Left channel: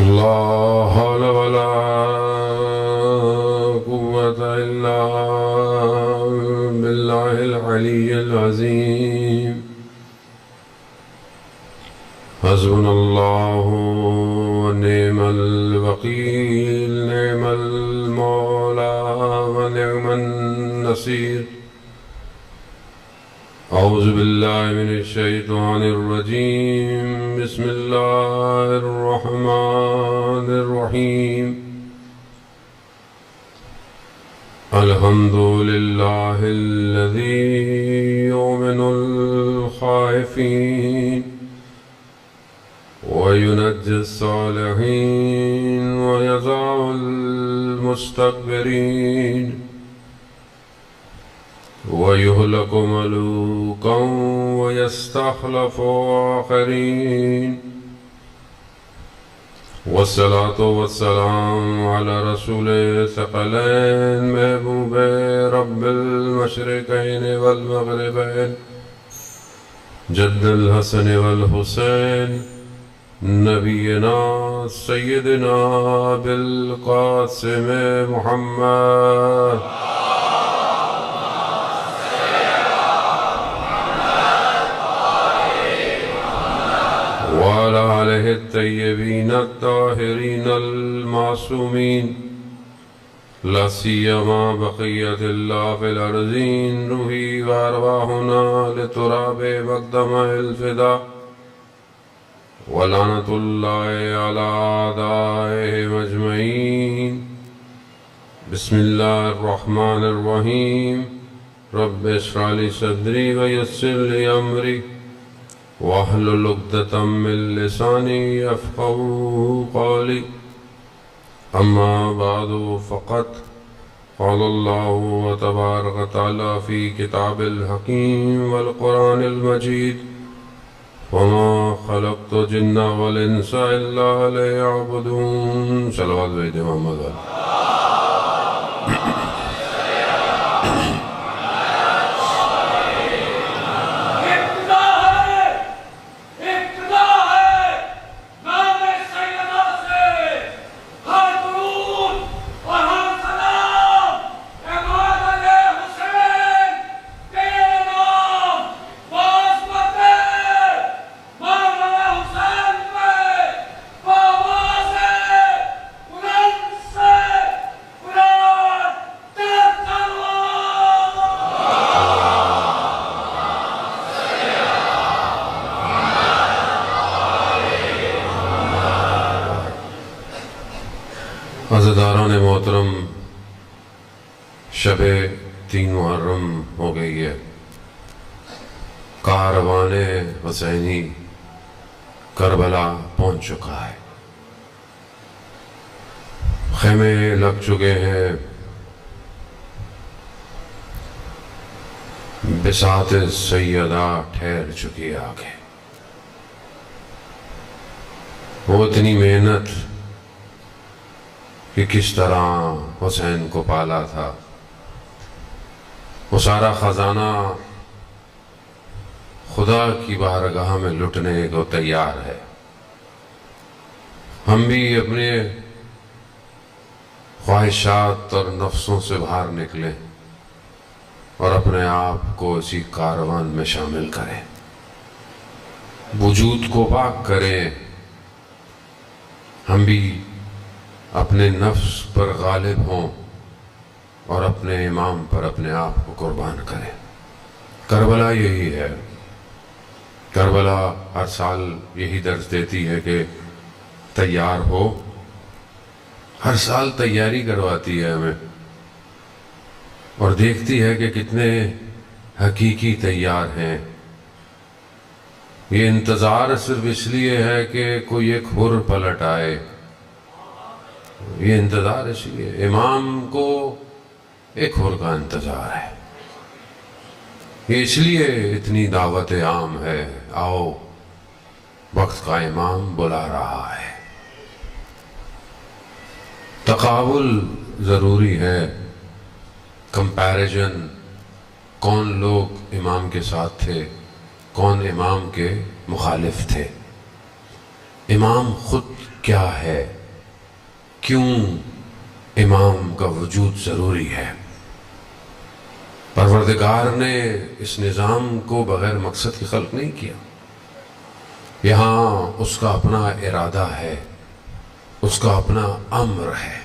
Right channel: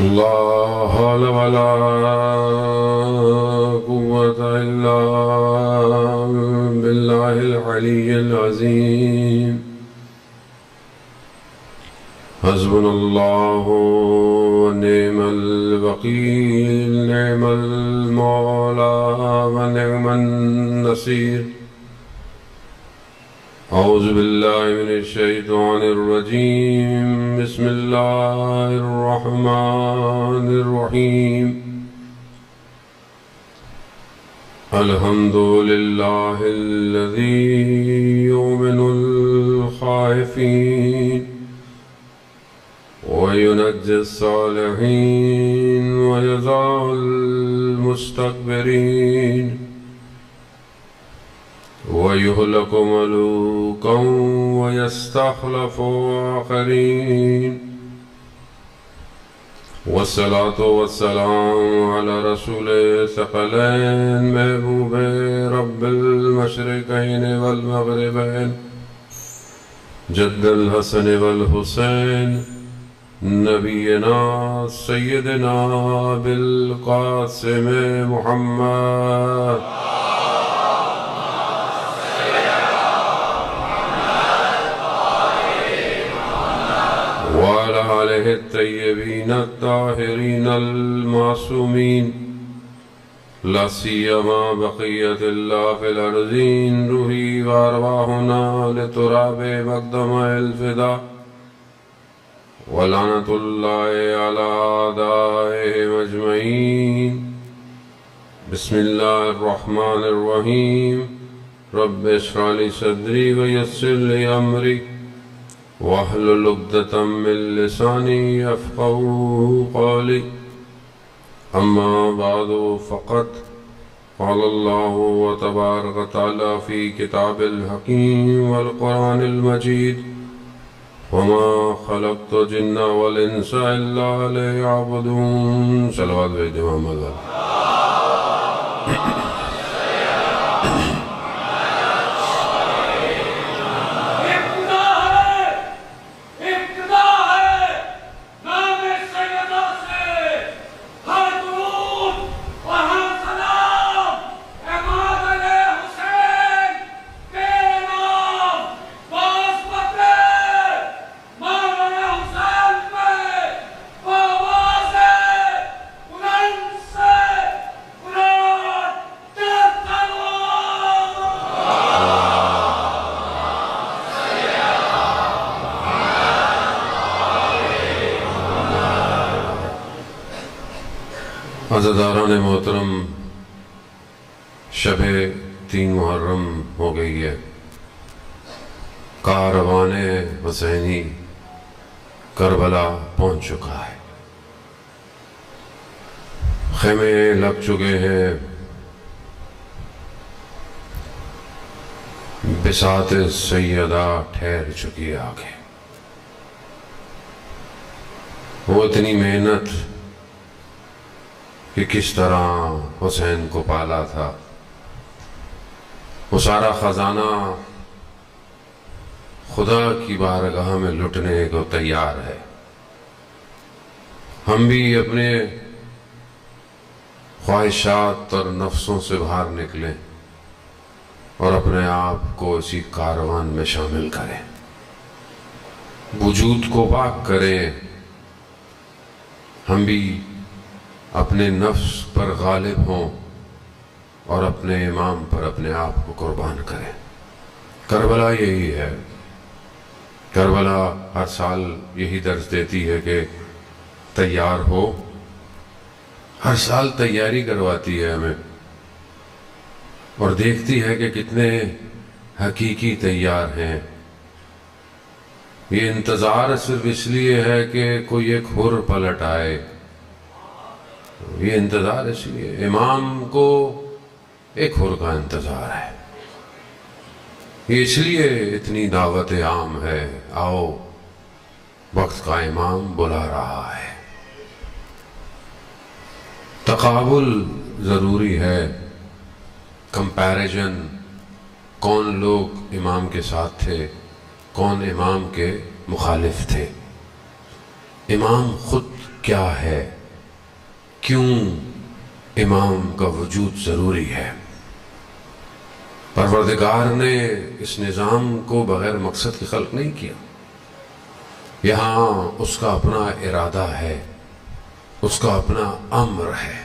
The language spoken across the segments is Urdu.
لا حول ولا قوة إلا بالله العلي العظيم. حسبنا الله ونعم الوكيل، نعم المولى ونعم النصير. أعوذ بالله من الشيطان الرجيم. بسم الله الرحمن الرحيم. الحمد لله الذي يؤمن الخائفين وينجي الصالحين ويضع المستكبرين ويهلك ملوكا ويستخلف آخرين. والصلاة والسلام على رسول ثقلين محبوب رب المشرقين والمغربين جد الحسن والحسين نبينا سيدنا بالقاسم محمد وعلى آله الطيبين الطاهرين المعصومين، لا سيما بقية الله في الأرضين. روحي وأرواحنا لتراب مقدم الفداء، ولعنة الله على أعدائهم أجمعين. بسم الله الرحمن الرحيم. رب اشرح لي صدري ويسر لي أمري واحلل عقدة من لساني يفقهوا قولي. أما بعد، فقد قال الله تبارك وتعالى في كتاب الحكيم والقرآن المجيد: وما خلقت الجن والإنس إلا ليعبدون. صلوات بھیج دیں محمد والے. عزاداران محترم، شب 3 محرم ہو گئی ہے. کاروان حسینی کربلا پہنچ چکا ہے. خیمے لگ چکے ہیں. بساط سیدہ ٹھہر چکی ہے آگے. وہ اتنی محنت کہ کس طرح حسین کو پالا تھا، وہ سارا خزانہ خدا کی بارگاہ میں لٹنے کو تیار ہے. ہم بھی اپنے خواہشات اور نفسوں سے باہر نکلیں اور اپنے آپ کو اسی کاروان میں شامل کریں. وجود کو پاک کریں. ہم بھی اپنے نفس پر غالب ہوں اور اپنے امام پر اپنے آپ کو قربان کریں. کربلا یہی ہے. کربلا ہر سال یہی درس دیتی ہے کہ تیار ہو. ہر سال تیاری کرواتی ہے ہمیں اور دیکھتی ہے کہ کتنے حقیقی تیار ہیں. یہ انتظار صرف اس لیے ہے کہ کوئی ایک حر پلٹ آئے. یہ انتظار اس لیے امام کو ایک حر کا انتظار ہے. یہ اس لیے اتنی دعوت عام ہے. آؤ، وقت کا امام بلا رہا ہے. تقابل ضروری ہے. کمپیریزن، کون لوگ امام کے ساتھ تھے، کون امام کے مخالف تھے. امام خود کیا ہے، کیوں امام کا وجود ضروری ہے۔ پروردگار نے اس نظام کو بغیر مقصد کی خلق نہیں کیا، یہاں اس کا اپنا ارادہ ہے، اس کا اپنا امر ہے۔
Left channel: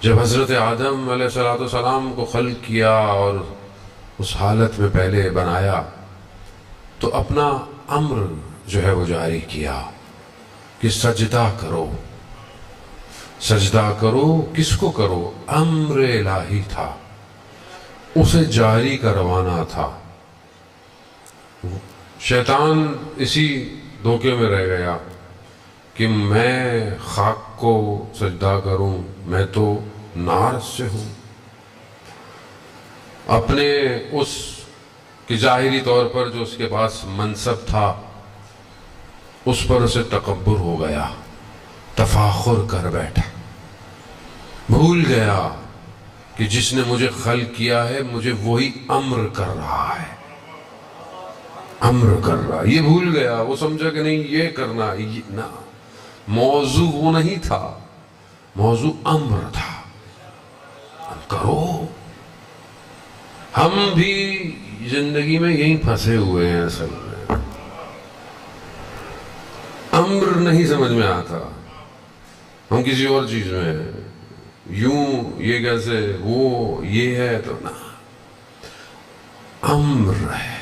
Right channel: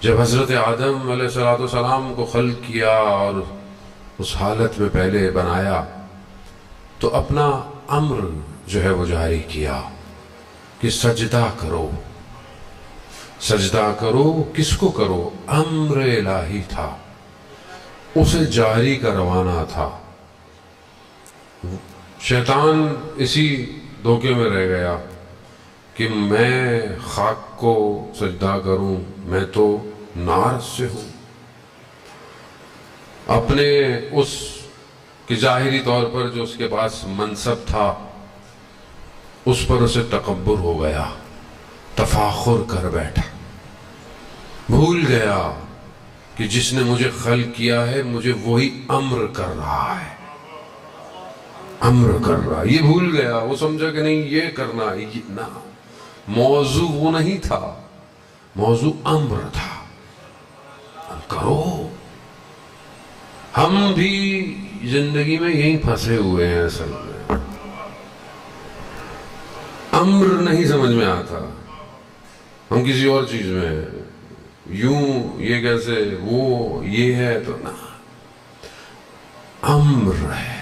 جب حضرت آدم علیہ السلام کو خلق کیا اور اس حالت میں پہلے بنایا تو اپنا امر جو ہے وہ جاری کیا کہ سجدہ کرو۔ سجدہ کرو کس کو کرو؟ امر الہی تھا، اسے جاری کروانا تھا۔ شیطان اسی دھوکے میں رہ گیا کہ میں خاک کو سجدہ کروں، میں تو نار سے ہوں۔ اپنے اس کہ ظاہری طور پر جو اس کے پاس منصب تھا اس پر اسے تکبر ہو گیا، تفاخر کر بیٹھا، بھول گیا کہ جس نے مجھے خلق کیا ہے مجھے وہی امر کر رہا ہے، امر کر رہا ہے۔ یہ بھول گیا، وہ سمجھا کہ نہیں یہ کرنا، نہ، موضوع وہ نہیں تھا، موضوع امر تھا، کرو۔ ہم بھی زندگی میں یہیں پھنسے ہوئے ہیں، اصل میں امر نہیں سمجھ میں آتا، ہم کسی اور چیز میں ہیں، یوں یہ کیسے، وہ یہ ہے تو نہ، امر ہے۔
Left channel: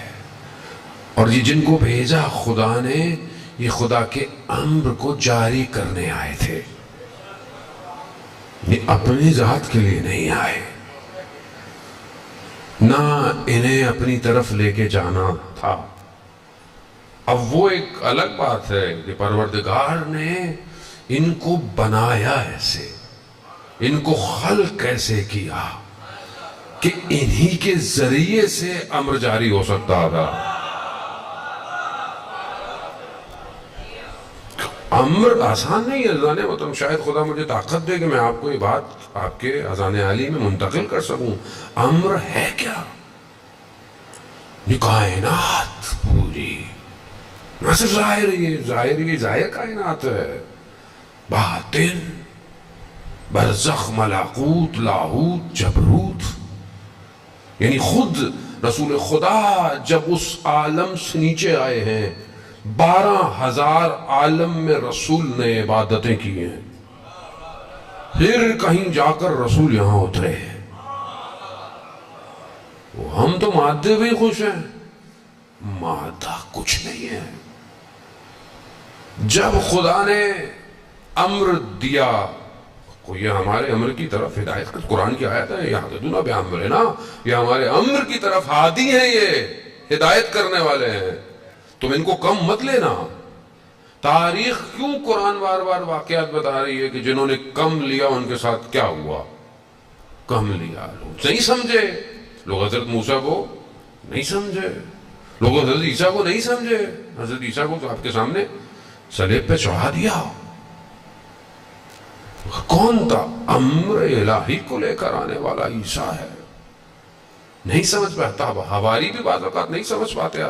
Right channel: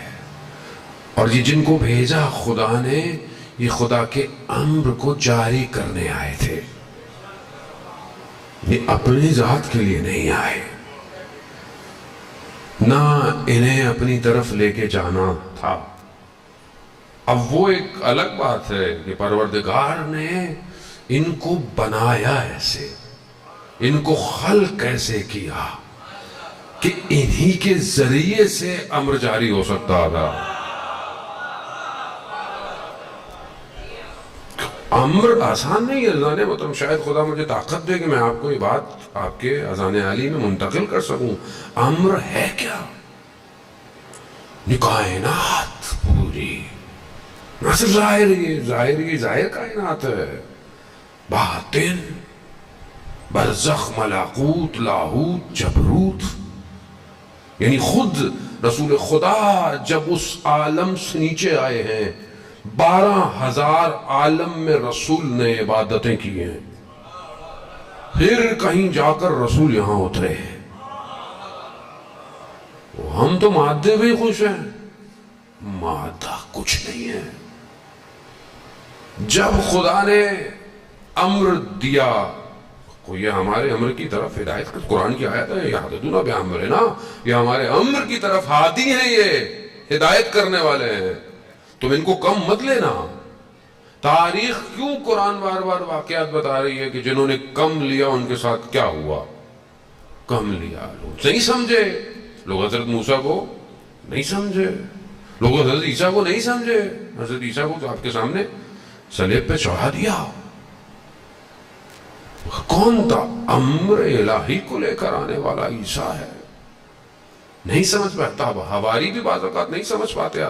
اور یہ جن کو بھیجا خدا نے، یہ خدا کے امر کو جاری کرنے آئے تھے، یہ اپنی ذات کے لیے نہیں آئے، نہ انہیں اپنی طرف لے کے جانا تھا۔ اب وہ ایک الگ بات ہے کہ پروردگار نے ان کو بنایا ایسے، ان کو خلق ایسے کیا کہ انہی کے ذریعے سے امر جاری ہو سکتا تھا۔ امر آسان نہیں ہے اذان محترم، شاید خدا مجھے طاقت دے کہ میں آپ کو یہ بات آپ کے اذان عالی میں منتقل کر سکوں۔ امر ہے کیا؟ کائنات پوری، نہ صرف ظاہر کائنات ہے، باطن، برزخ، ملکوت، لاہوت، جبروت، یعنی خود رسول خدا جب اس عالم سے نیچے آئے ہیں، 12,000 عالم میں رسول نے عبادتیں کی ہیں، پھر کہیں جا کر رسول یہاں اترے ہیں۔ ہم تو مادے بھی خوش ہیں، مادہ کچھ نہیں ہے۔ جب خدا نے امر دیا، یہ ہمارے امر کی طرف ہدایت کر، قرآن کی آیت ہے، یہدون بامرنا، یہ ہمارے امر کی طرف ہادی ہیں، یہ ہدایت کرنے والے ہیں، تم ان کو کم مت لینا۔ تاریخ کیوں قرآن بار بار واقعات بتا رہی ہے کہ جنہوں نے کم لیا ان کے ساتھ کیا ہوا؟ کم لیا، لوگ نہیں سمجھے، لوگ حضرت موسیٰ کو نہیں سمجھے، لوگ حضرت عیسیٰ کو نہیں سمجھے۔ حضرت عیسیٰ کو تو آپ کے سامنے صلیب پہ چڑھا دیا، کون تھا؟ امر الہی کو لے کر آنے والا عیسیٰ ہے، نہیں سمجھ پاتا، حواری بھی بعض اوقات نہیں سمجھ پاتے۔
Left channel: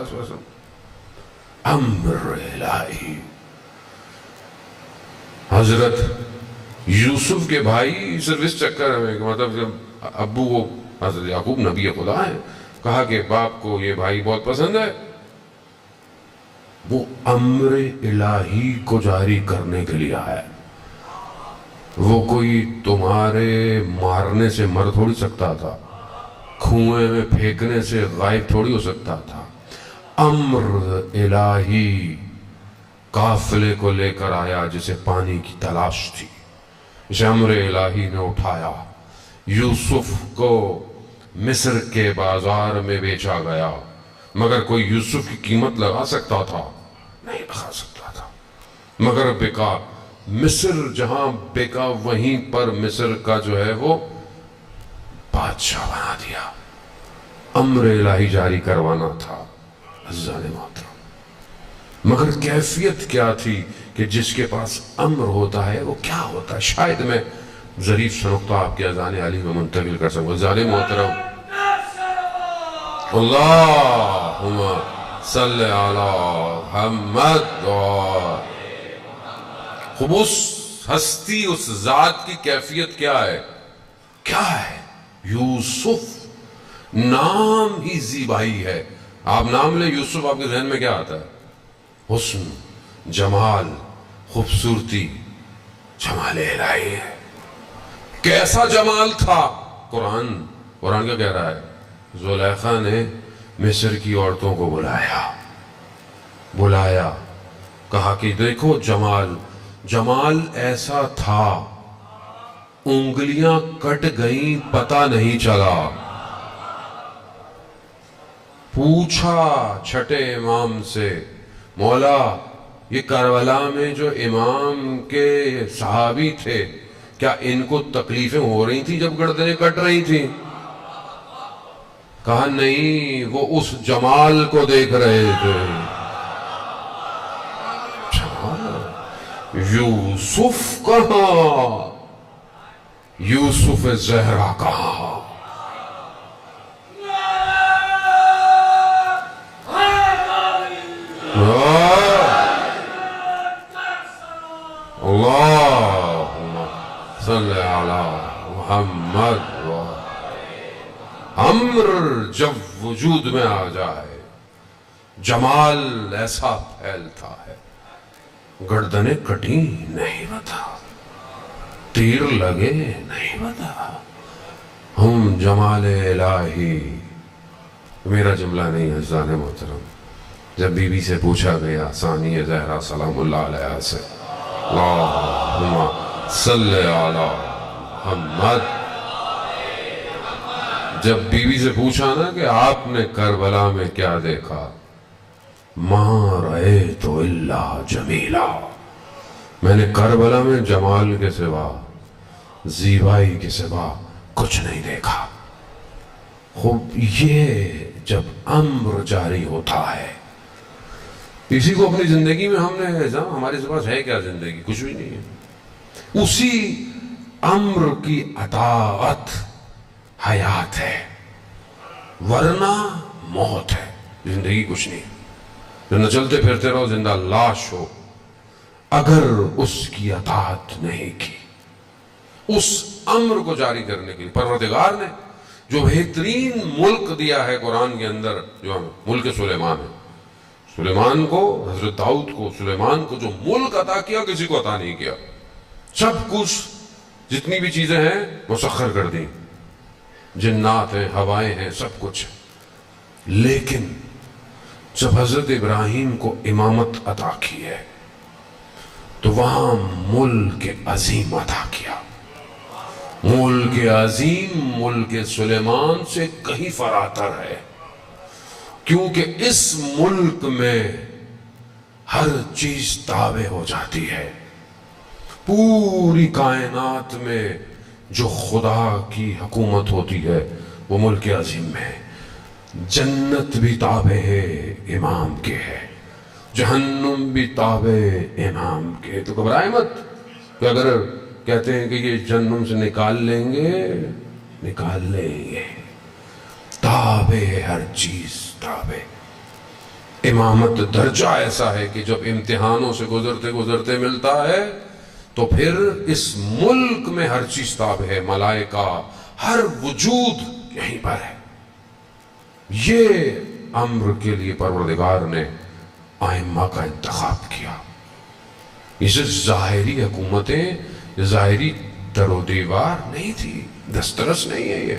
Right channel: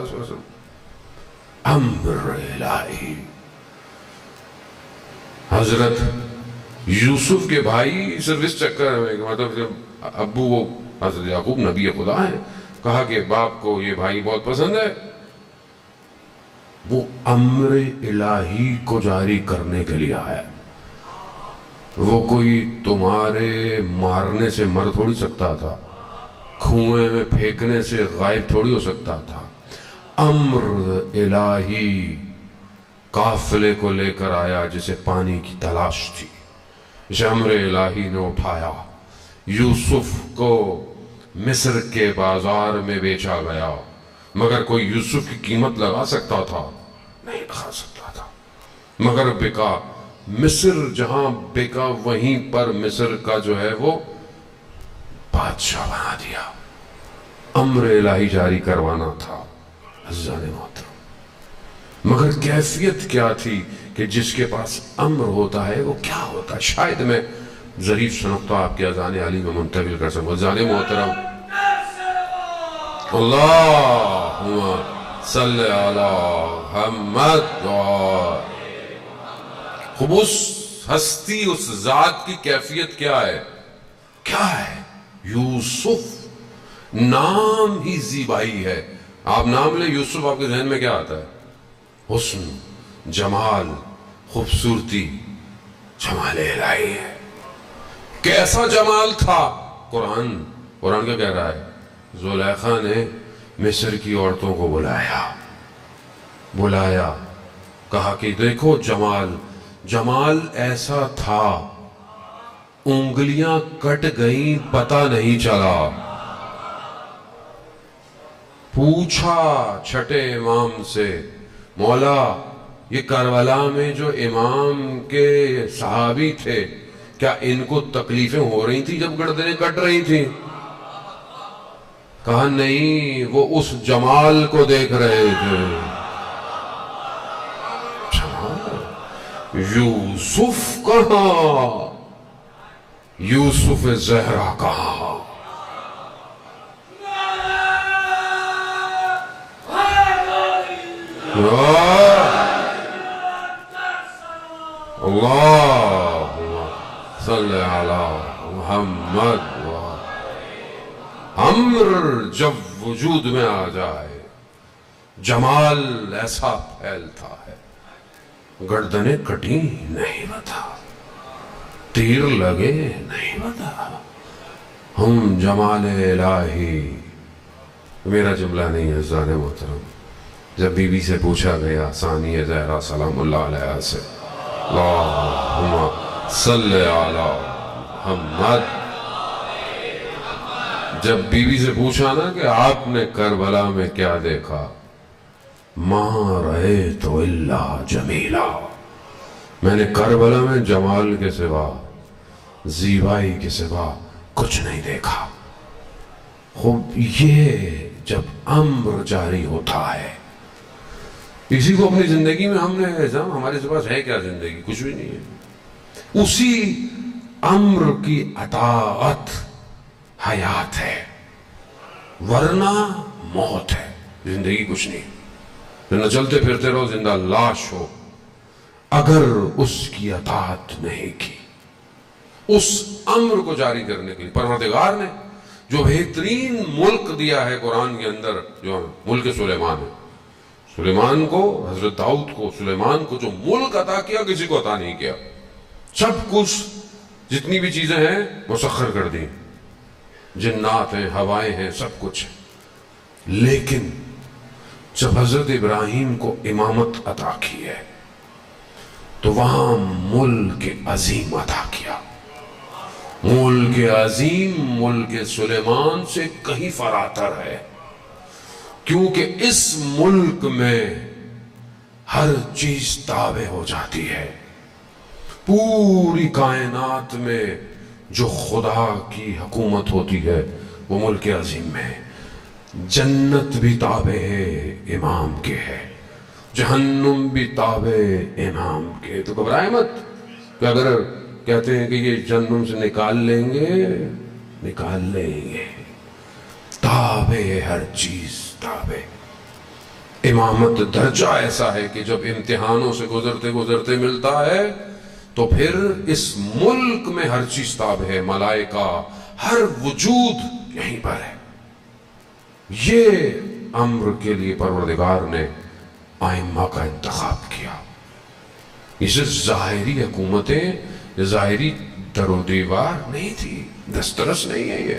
امر الہی، حضرت یوسف کے بھائی صرف اس چکر میں کہ مطلب جب ابو وہ حضرت یعقوب نبی خدا ہیں، کہا کہ باپ کو یہ بھائی بہت پسند ہے، وہ امر الہی کو جاری کرنے کے لیے آیا۔ وہ کوئی تمہارے مارنے سے مر تھوڑی سکتا تھا، کنویں میں پھینکنے سے غائب تھوڑی ہو سکتا تھا۔ امر الہی قافلے کو لے کر آیا جسے پانی کی تلاش تھی، اسے امر الہی نے اٹھایا، یوسف کو مصر کے بازار میں بیچا گیا، مگر کوئی یوسف کی قیمت لگا سکتا تھا؟ نہیں لگا سکتا تھا، مگر بکا، مصر جہاں بکا وہیں پر مصر کا جو ہے وہ بادشاہ بنا دیا۔ امر الہی جاری کروانا تھا عزیزان محترم، مگر کیفیت کیا تھی کہ جس کے پاس امر ہوتا ہے وہ کیا ہوتا ہے؟ شاید میں ظریف سا نقطہ آپ کے اذان علی میں منتقل کر سکوں۔ عزیزان محترم، اللہم صلی علی محمد خوب اس ہستی، اس ذات کی کیفیت کیا ہے؟ کیا ہے؟ یوسف، نام ہی زیبائی ہے۔ آپ نام لیں یوسف، آپ کے ذہن میں کیا آتا ہے؟ حسن، جمال، خوبصورتی، جمال الہی ہے۔ کیسا جمال تھا؟ قرآن کیا کہہ رہا ہے؟ زلیخا نے مصر کی عورتوں کو بلایا، کہا کہ دیکھو جمال ایسا تھا، انگلیاں کٹ گئیں پتہ نہیں چلا۔ پوچھا چھٹے امام سے، مولا یہ کربلا میں جو امام کے صحابی تھے، کیا ان کو تکلیفیں ہو رہی تھیں جب گردنیں کٹ رہی تھیں؟ کہا نہیں، وہ اس جمال کو دیکھ رہے تھے۔ یوسف کہاں؟ یوسف زہرا کہاں؟ اللہم صلی علی محمد۔ امر جب وجود میں آ جائے، جمال ایسا پھیلتا ہے، گردنیں کٹی نہیں بتا، تیر لگے نہیں بتا، ہم جمال الہی۔ میرا جملہ نہیں ہے عزیزان محترم، جب بی بی سے پوچھا گیا ثانی زہرا سلام اللہ علیہ سے، اللہم صلی علی محمد، جب بی بی سے پوچھا نا کہ آپ نے کربلا میں کیا دیکھا؟ ما رأیت الا جمیلا، میں نے کربلا میں جمال کے سوا، زیبائی کے سوا کچھ نہیں دیکھا۔ خوب یہ جب امر جاری ہوتا ہے، اسی کو اپنی زندگی میں ہم نے ہمارے پاس ہے کیا؟ زندگی کچھ بھی نہیں ہے۔ اسی امر کی اطاعت حیات ہے، ورنہ موت ہے، زندگی کچھ نہیں۔ نہ چلتے پھرتے رہو زندہ لاش ہو، اگر اس کی اطاعت نہیں کی، اس امر کو جاری کرنے کے لیے پروردگار نے جو بہترین ملک دیا ہے قرآن کے اندر، جو ملک سلیمان ہے، سلیمان کو، حضرت داؤد کو، سلیمان کو جو ملک عطا کیا کسی کو عطا نہیں کیا۔ سب کچھ جتنی بھی چیزیں ہیں مسخر کر دیں، جنات ہیں، ہوائیں ہیں، سب کچھ۔ لیکن جب حضرت ابراہیم کو امامت عطا کی ہے تو وہاں ملک عظیم عطا کیا۔ ملک عظیم ملک سلیمان سے کہیں فراتر ہے، کیونکہ اس ملک میں ہر چیز تابع ہو جاتی ہے۔ پوری کائنات میں جو خدا کی حکومت ہوتی ہے وہ ملک عظیم میں ہے۔ جنت بھی تابع ہے، امام کے ہے، جہنم بھی تابع امام کے۔ تو گھبرائے مت کہ اگر کہتے ہیں کہ یہ جہنم سے نکال لیں گے، تابع ہے، ہر چیز تابع۔ امامت درجہ ایسا ہے کہ جب امتحانوں سے گزرتے ملتا ہے تو پھر اس ملک میں ہر چیز تابع ہے، ملائکہ، ہر وجود یہیں پر ہے۔ یہ امر کے لیے پروردگار نے ائمہ کا انتخاب کیا۔ اسے ظاہری حکومتیں، ظاہری در و دیوار نہیں تھی، دسترس نہیں ہے۔ یہ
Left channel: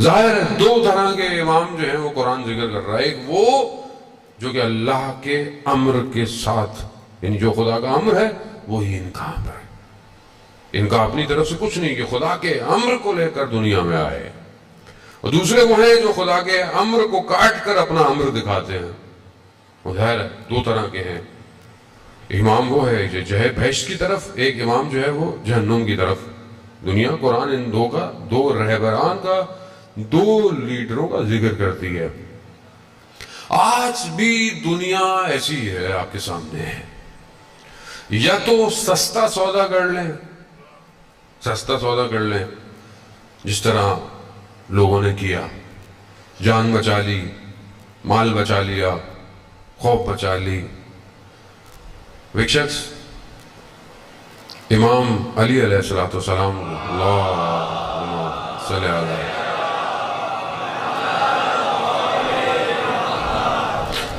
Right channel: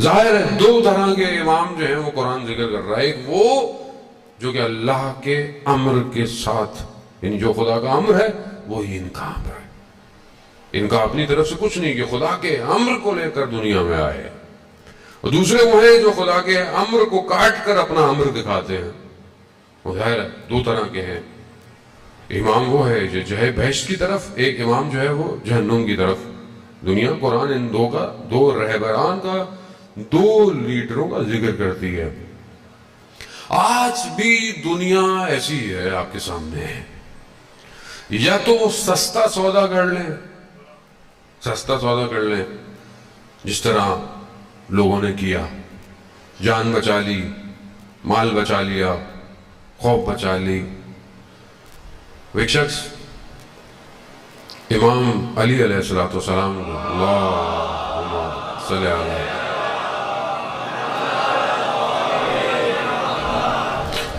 ظاہر ہے دو طرح کے امام جو ہیں وہ قرآن ذکر کر رہا ہے، ایک وہ جو کہ اللہ کے امر کے ساتھ، یعنی جو خدا کا امر ہے وہی ان کا امر ہے، ان کا اپنی طرف سے کچھ نہیں، کہ خدا کے امر کو لے کر دنیا میں آئے۔ اور دوسرے وہ ہیں جو خدا کے امر کو کاٹ کر اپنا امر دکھاتے ہیں۔ وہ ظاہر ہے دو طرح کے ہیں۔ امام وہ ہے جو ہے بہشت کی طرف، ایک امام جو ہے وہ جہنم کی طرف۔ دنیا قرآن ان دو رہبران کا، دو لیڈروں کا ذکر کرتی ہے۔ آج بھی دنیا ایسی ہے آپ کے سامنے ہے، یا تو سستا سودا کر لیں، جس طرح لوگوں نے کیا، جان بچا لی، مال بچا لیا، خوف بچا لی۔ ایک شخص امام علی علیہ السلام، اللہم صلی علیہ،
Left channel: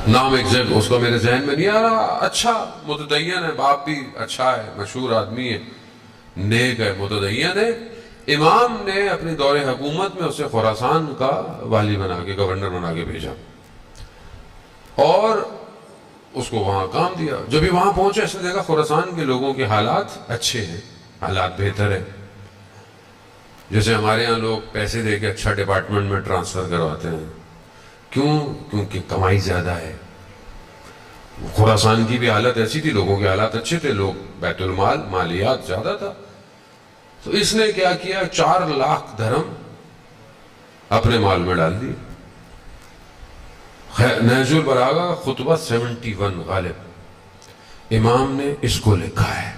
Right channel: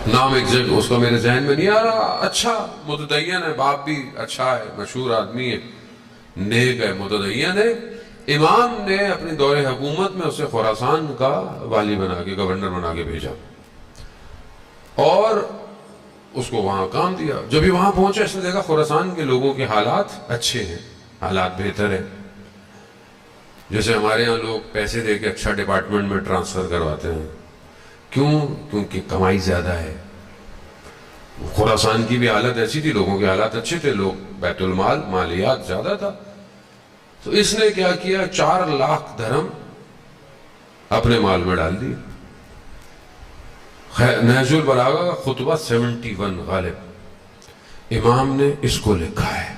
نام ایک جگہ اس کو میرے ذہن میں نہیں آ رہا، اچھا متدین ہے، باپ بھی اچھا ہے، مشہور آدمی ہے، نیک ہے، متدین ہے۔ امام نے اپنی دور حکومت میں اسے خراسان کا والی بنا کے، گورنر بنا کے بھیجا اور اس کو وہاں کام دیا۔ جب بھی وہاں پہنچے اس نے دیکھا خراسان کے لوگوں کے حالات اچھے ہیں، حالات بہتر ہیں، جیسے ہمارے یہاں لوگ پیسے دے کے اچھا ڈپارٹمنٹ میں ٹرانسفر کرواتے ہیں۔ کیوں؟ کیونکہ کمائی زیادہ ہے۔ خراسان کی بھی حالت ایسی تھی، لوگوں کے حالات اچھے تھے، لوگ بیت المال مالیات زیادہ تھا، تو اس نے کیا کیا، 4 لاکھ درہم اپنے مال میں ڈال دی۔ نہج البلاغہ کا خطبہ 71 غالب، امام نے اس کو لکھا ہے،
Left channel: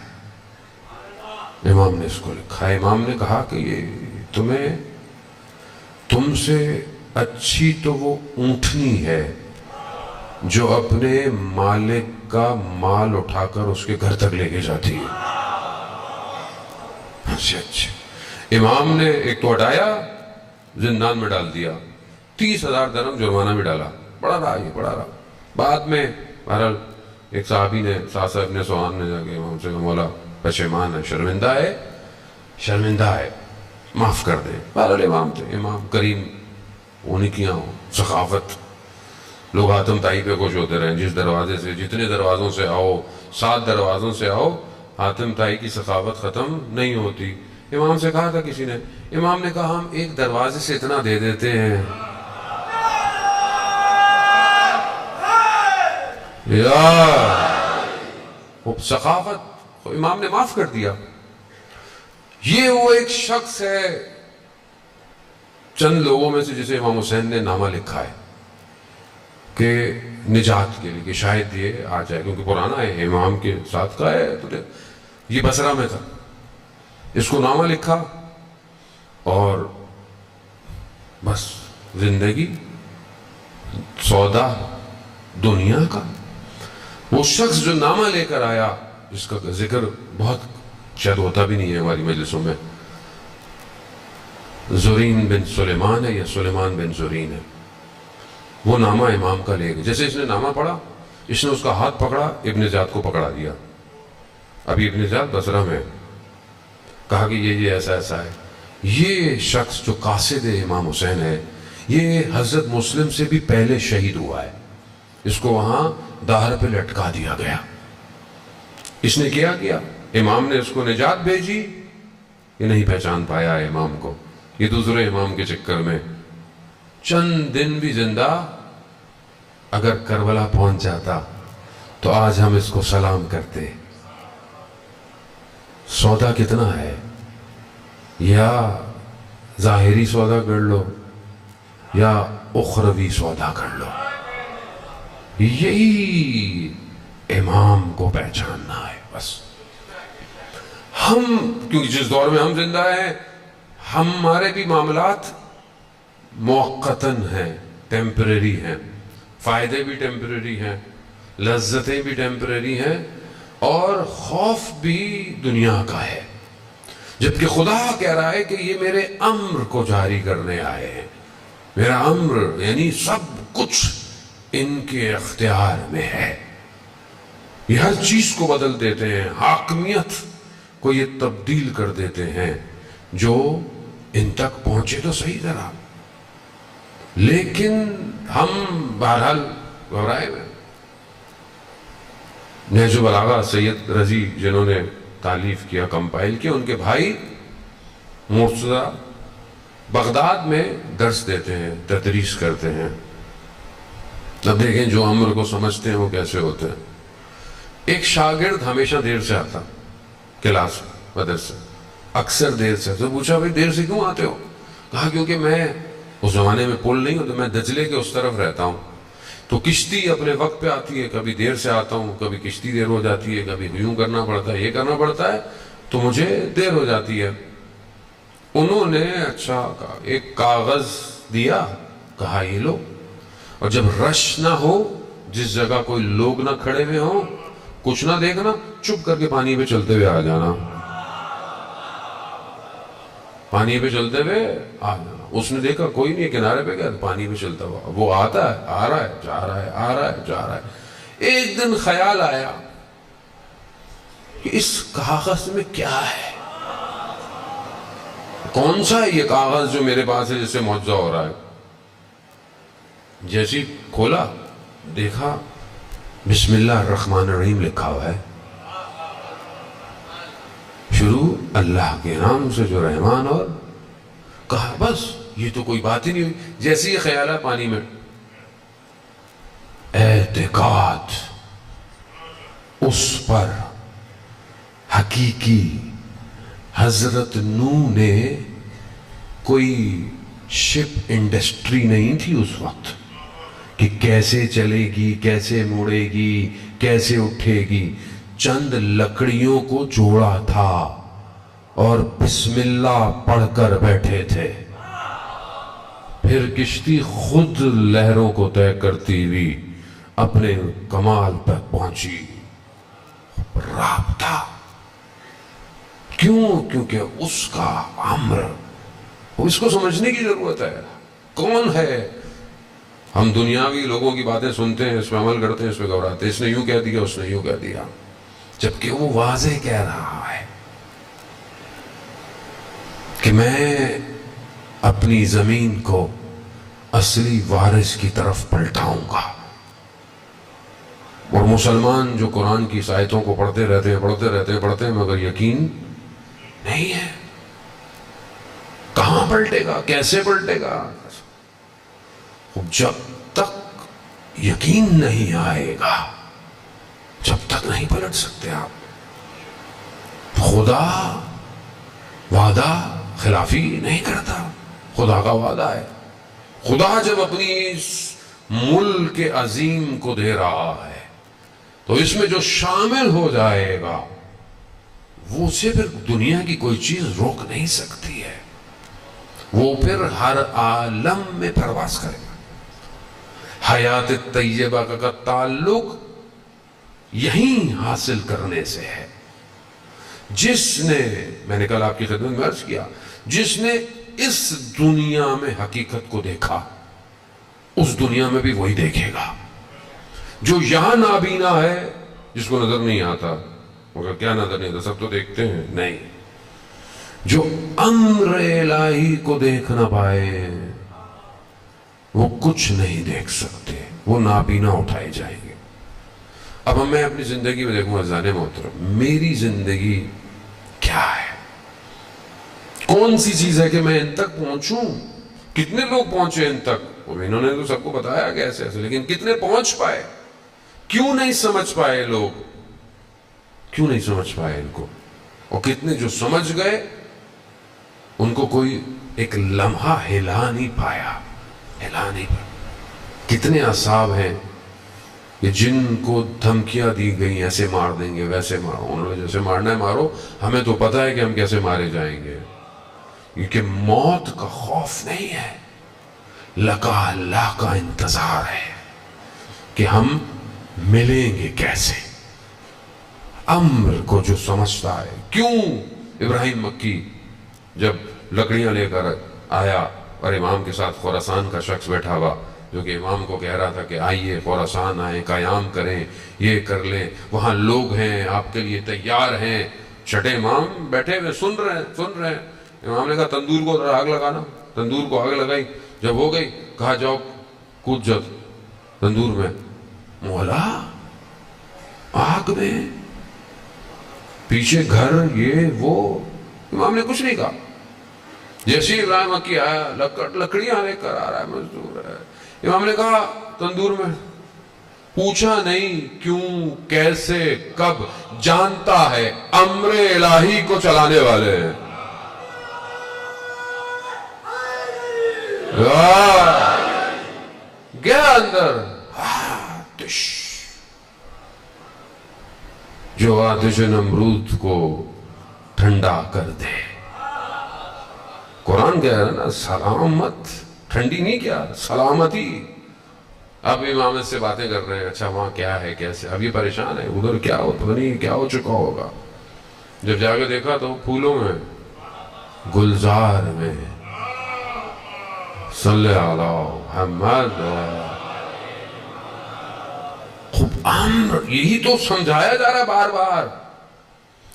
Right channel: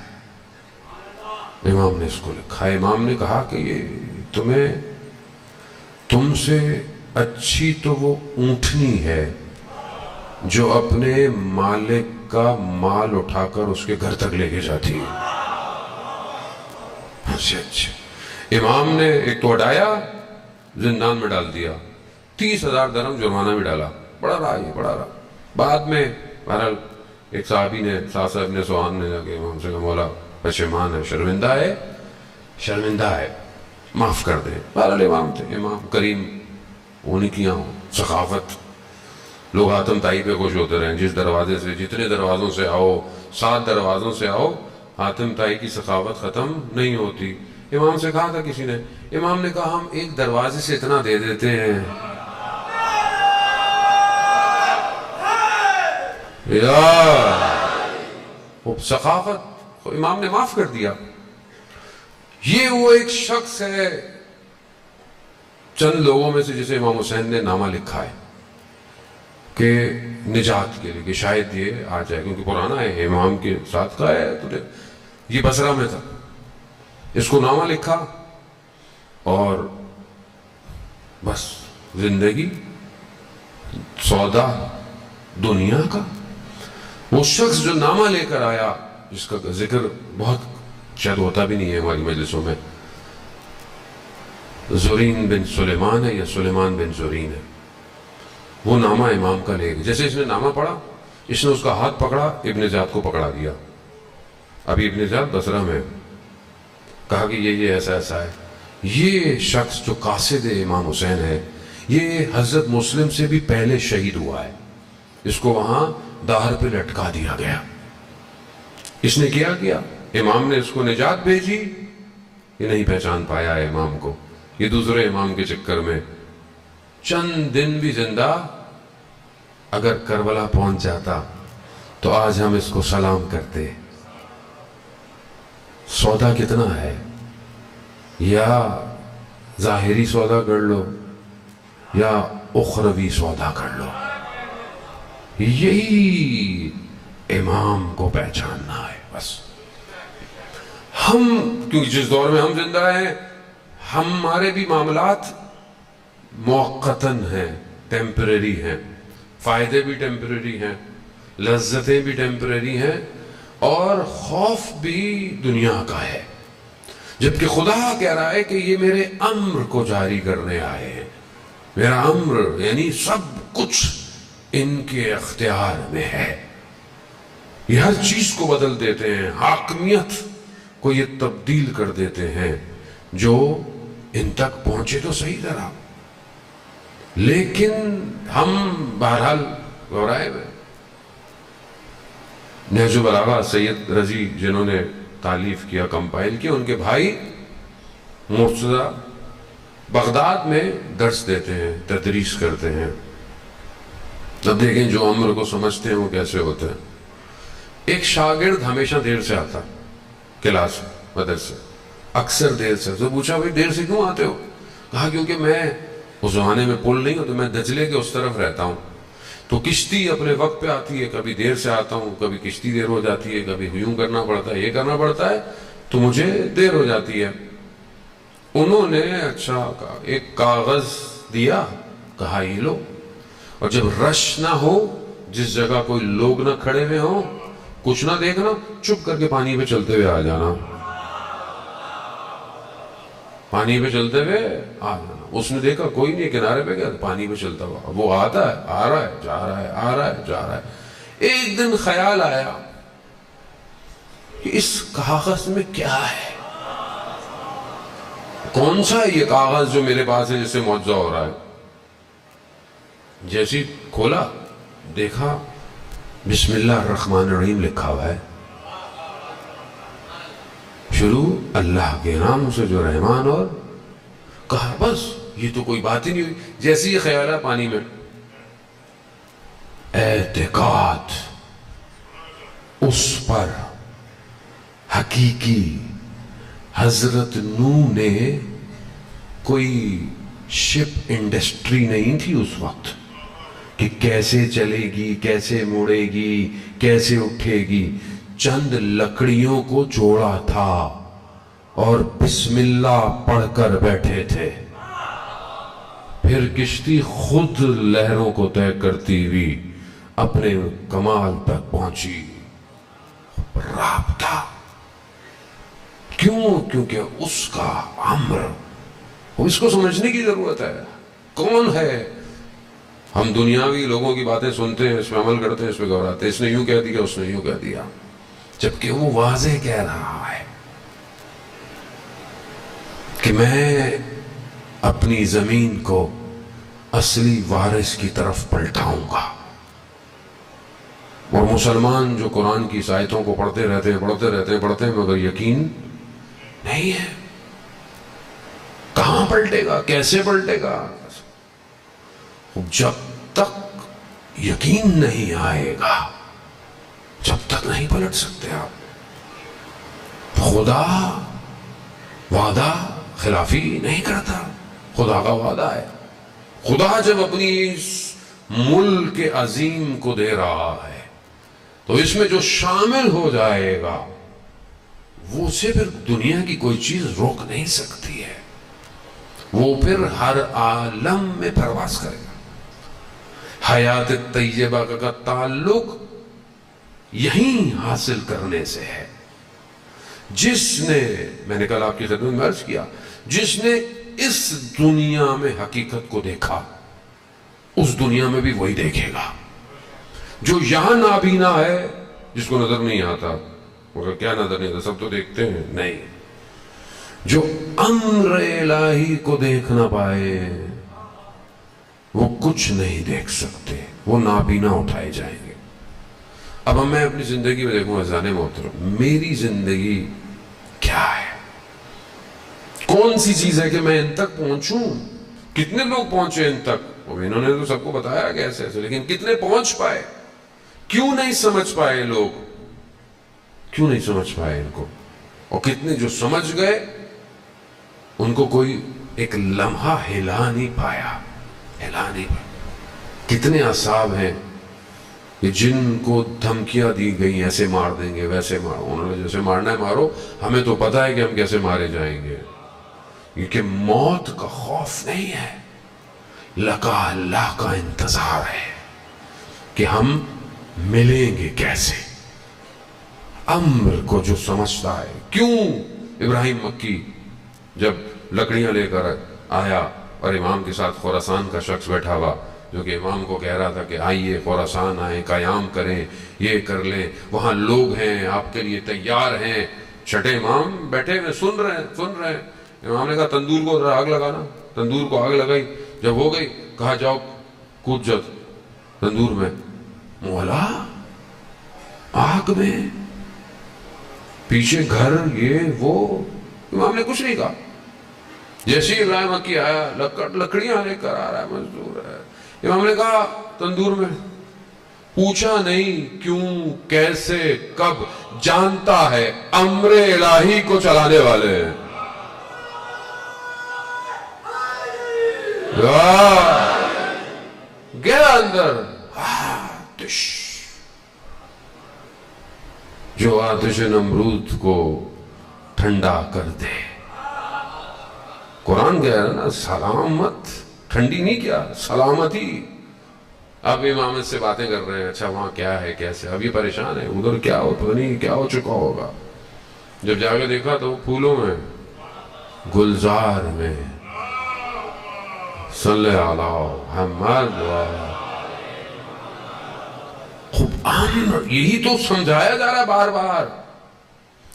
امام نے اس کو لکھا ہے۔ امام نے کہا کہ یہ تم سے اچھی تو وہ اونٹنی ہے جو اپنے مالک کا مال اٹھا کر اس کے گھر تک لے کے جاتی ہے۔ اچھا امام نے ایک تو ہٹایا، زندان میں ڈال دیا، 30,000 درہم جرمانہ بھی ڈالا، پڑا رہا۔ بعد میں بہرحال ایک صحابی نے، ساسا ابن سوان نے جا کے امام سے کہا مولا پشیمان ہے، شرمندہ ہے، معاف کر دے۔ بہرحال امام تھے، امام کریم ہونے کی سخاوت، لوگ حاتم طائی پہ خوش ہوتے رہے، جس دروازے سے، جتنے دروازوں سے آؤ، 7 دروازوں سے آؤ، حاتم طائی کی سخاوت ختم نہیں ہوتی۔ امام سے کہا تھا کسی نے، امام نے کہا ہم ایک دروازے سے اتنا دے دیتے ہیں سخاوت، امام نے معاف کر دیا۔ یہ وہ ایک شخص ہے چند لوگوں میں سے جسے امام حسین نے نامہ لکھا ہے کہ نجات کے لیے، کہ شاید یہ آ جائے، کیونکہ پرانا ہے، امام کے ساتھ کا ہے، تو یہ بصرہ میں تھا، اس کو نامہ لکھا اور بس زندگی سودا دنیا کا۔ وہ شخص جو نامہ لے کر آیا، جس کا ذکر بہت شاید ہوتا بھی نہیں ہے ہماری مجلسوں میں، زورین بن سلیمان ہے یا سلیمان بن زورین ہے، وہ نامہ امام کا لے گئے۔ جیسے اس نے نامہ پڑھا، اس نے اس کا ہاتھ پکڑا، ابن زیاد کو پکڑا دیا، ابھی ابن زیاد بصرہ میں، کہا کہ یہ ایسا ہے۔ یہ شخص جو قاصد امام حسین ہے، یہ حضرت مسلم سے بھی پہلے شہید ہوا ہے، اس کو وہاں دار پہ لٹکا دیا گیا۔ اس نے کیا امام نے اس کو نجات بھیجی، یہ نہیں پہچان پایا امام کو، یہ دوسرے امام کے چکر میں چند دن بھی زندہ اگر کربلا پہنچ جاتا تو آج ہم اس کو سلام کرتے۔ سودا کتنا ہے، یا ظاہری سودا کر لو یا اخروی سودا کر لو، یہی امام کو پہچاننا ہے بس۔ ہم کیونکہ جس دور میں ہم زندہ ہیں، ہمارے بھی معاملات موقتاً ہیں، ٹیمپریری ہیں، فائدے بھی ٹیمپریری ہیں، لذتیں بھی ٹیمپریری ہیں، اور خوف بھی دنیا کا ہے، جبکہ خدا کہہ رہا ہے کہ یہ میرے امر کو جاری کرنے آئے ہیں۔ میرا امر یعنی سب کچھ ان کے اختیار میں ہے، یہ ہر چیز کو بدل دیتے ہیں، حاکمیت کو یہ تبدیل کر دیتے ہیں۔ جو ان تک پہنچے تو صحیح ذرا، لیکن ہم بہرحال گھبرائے ہوئے۔ نہج البلاغہ سید رضی جنہوں نے تالیف کیا، کمپائل کیا، ان کے بھائی مرتضی بغداد میں درس دیتے ہیں، تدریس کرتے ہیں۔ اب دیکھیں جو امر کو سمجھتے ہیں وہ کیسے ہوتے ہیں۔ ایک شاگرد ہمیشہ دیر سے آتا کلاس مدرسے، اکثر دیر سے۔ تو پوچھا بھائی دیر سے کیوں آتے ہو؟ کہا کیونکہ میں اس زمانے میں پل نہیں ہو تو میں دجلے کے اس طرف رہتا ہوں، تو کشتی اپنے وقت پہ آتی ہے، کبھی دیر سے آتا ہوں، کبھی کشتی دیر ہو جاتی ہے، کبھی یوں کرنا پڑتا ہے، یہ کرنا پڑتا ہے، تو مجھے دیر ہو جاتی ہے۔ انہوں نے اچھا ایک کاغذ دیا، کہا یہ لو، اور جب رش نہ ہو، جس جگہ کوئی لوگ نہ کھڑے ہوئے ہوں، کچھ نہ دیکھنا، چپ کر کے پانی پہ چلتے ہوئے آ جانا۔ پانی پہ چلتے ہوئے آ جانا. اس نے دیکھا کوئی نہیں کنارے پہ گیا, پانی پہ چلتا ہوا وہ آتا ہے, آ رہا ہے, جا رہا ہے, آ رہا ہے, جا رہا ہے. ایک دن خیال آیا کہ اس کاغذ میں کیا ہے, کون سا ہے یہ کاغذ جو میرے پاس ہے جس سے معجزہ ہو رہا ہے. جیسی کھولا دیکھا بسم اللہ الرحمن الرحیم لکھا ہوا ہے. شروع اللہ کے نام سے جو رحمان, اور کہا بس یہ تو کوئی بات ہی نہیں ہوئی. جیسے یہ خیال ہے پانی میں, اعتقاد اس پر حقیقی. حضرت نوح نے کوئی شپ انڈسٹری نہیں تھی اس وقت کہ کیسے چلے گی, کیسے مڑے گی, کیسے اٹھے گی. چند لکڑیوں کو جوڑا تھا اور بسم اللہ پڑھ کر بیٹھے تھے. پھر کشتی خود لہروں کو طے کرتی ہوئی اپنے کمال پر پہنچی. رابطہ کیوں؟ کیونکہ اس کا امر, اس کو سمجھنے کی ضرورت ہے. کون ہے؟ ہم دنیاوی لوگوں کی باتیں سنتے ہیں, اس پہ عمل کرتے ہیں, اس پہ گھبراتے ہیں, اس نے یوں کہہ دیا, اس نے یوں کہہ دیا, جبکہ وہ واضح کہہ رہا ہے کہ میں اپنی زمین کو اصلی وارث کی طرف پلٹاؤں گا. اور مسلمان جو قرآن کی آیتوں کو پڑھتے رہتے ہیں مگر یقین نہیں ہے. کہاں پلٹے گا, کیسے پلٹے گا؟ جب تک یقین نہیں آئے گا جب تک نہیں پلٹ سکتے آپ. خدا وعدہ خلافی نہیں کرتا, خدا کا وعدہ ہے. خدا جب اپنی اس ملک عظیم کو دے رہا ہے تو اس میں جو شامل ہو جائے گا وہ اسے پھر دنیا کی کوئی چیز روک نہیں سکتی ہے. وہ پھر ہر عالم میں پرواز کرے گا. حیات طیبہ کا تعلق یہیں حاصل کرنے سے ہے. جس نے, میں نے کل آپ کی خدمت میں عرض کیا, جس نے اس دنیا میں حقیقت کو دیکھا اس دنیا میں بھی وہی دیکھے گا. جو یہاں نابینا ہے, جس کو نظر نہیں آتا, مگر کیا نظر نہیں آتا, سب تو دیکھتے ہیں, نہیں. جو امر الہی کو دیکھ نہ پائے وہ کچھ نہیں دیکھ سکتے, وہ نابینا اٹھائے جائیں گے. اب میں اپنی زندگی میں دیکھوں عزیزان محترم, میری زندگی کیا ہے, کون سی چیز ہے کہ میں ان تک پہنچوں. کتنے لوگ پہنچے ان تک, انہوں نے تو سب کو بتایا کہ ایسے ایسے, لیکن کتنے پہنچ پائے؟ کیوں نہیں سمجھ پائے لوگ, کیوں نہیں سمجھ پائے ان کو؟ اور کتنے جو سمجھ گئے ان کو کوئی ایک لمحہ ہلا نہیں پایا, ہلا نہیں پایا. کتنے اصحاب ہیں کہ جن کو دھمکیاں دی گئی, ایسے مار دیں گے, ویسے مارو, انہوں نے جیسے مارنا ہے مارو, ہمیں تو پتہ ہے کہ ہم کیسے مارے جائیں گے. کیونکہ موت کا خوف نہیں ہے, لقا اللہ کا انتظار ہے کہ ہم ملیں گے کیسے. امر کو جو سمجھتا ہے. کیوں ابراہیم مکی جب لکڑیاں لے کر آیا اور امام کے ساتھ خراسان کا شخص بیٹھا ہوا جو کہ امام کو کہہ رہا تھا کہ آئیے خراسان آئیں, قیام کریں, یہ کر لیں, وہاں لوگ ہیں آپ کے لیے تیار ہیں. چھٹے امام بیٹھے ہوئے سن رہے ہیں. امام نے کہا تندور کو آگ لگانا, تندور کو آگ لگائی, جب ہو گئی کہا جاؤ کود جاؤ تندور میں. مولا آگ میں, پیچھے گھر, یہ وہ. امام نے کچھ نہیں کہا. جیسے ابراہیم مکی آیا, لکڑیاں لے کر آ رہا ہے, مزدور ہے. امام نے کہا تندور میں. پوچھا نہیں کیوں, کیسے, کب, جانتا ہے امر الہی کو چلانے والے ہیں. گیا اندر, آتش, جو آتش نمرود کو ٹھنڈا کر دے. قرآن کہہ رہا ہے نا, سلامت, ٹھنڈی نہیں, کیا سلامتی. اب امامت سے باتیں کر رہے ہیں, اچھا وہاں کیا ہے, کیسے. اب یہ پریشان ہے, ادھر کیا ہو, پتہ نہیں کیا ہو چکا ہوگا. جب جا کے دیکھا تو پھولوں میں گلزار میں صلی علی محمد خوب امر. یہی تو سمجھایا جا رہا ہے بار بار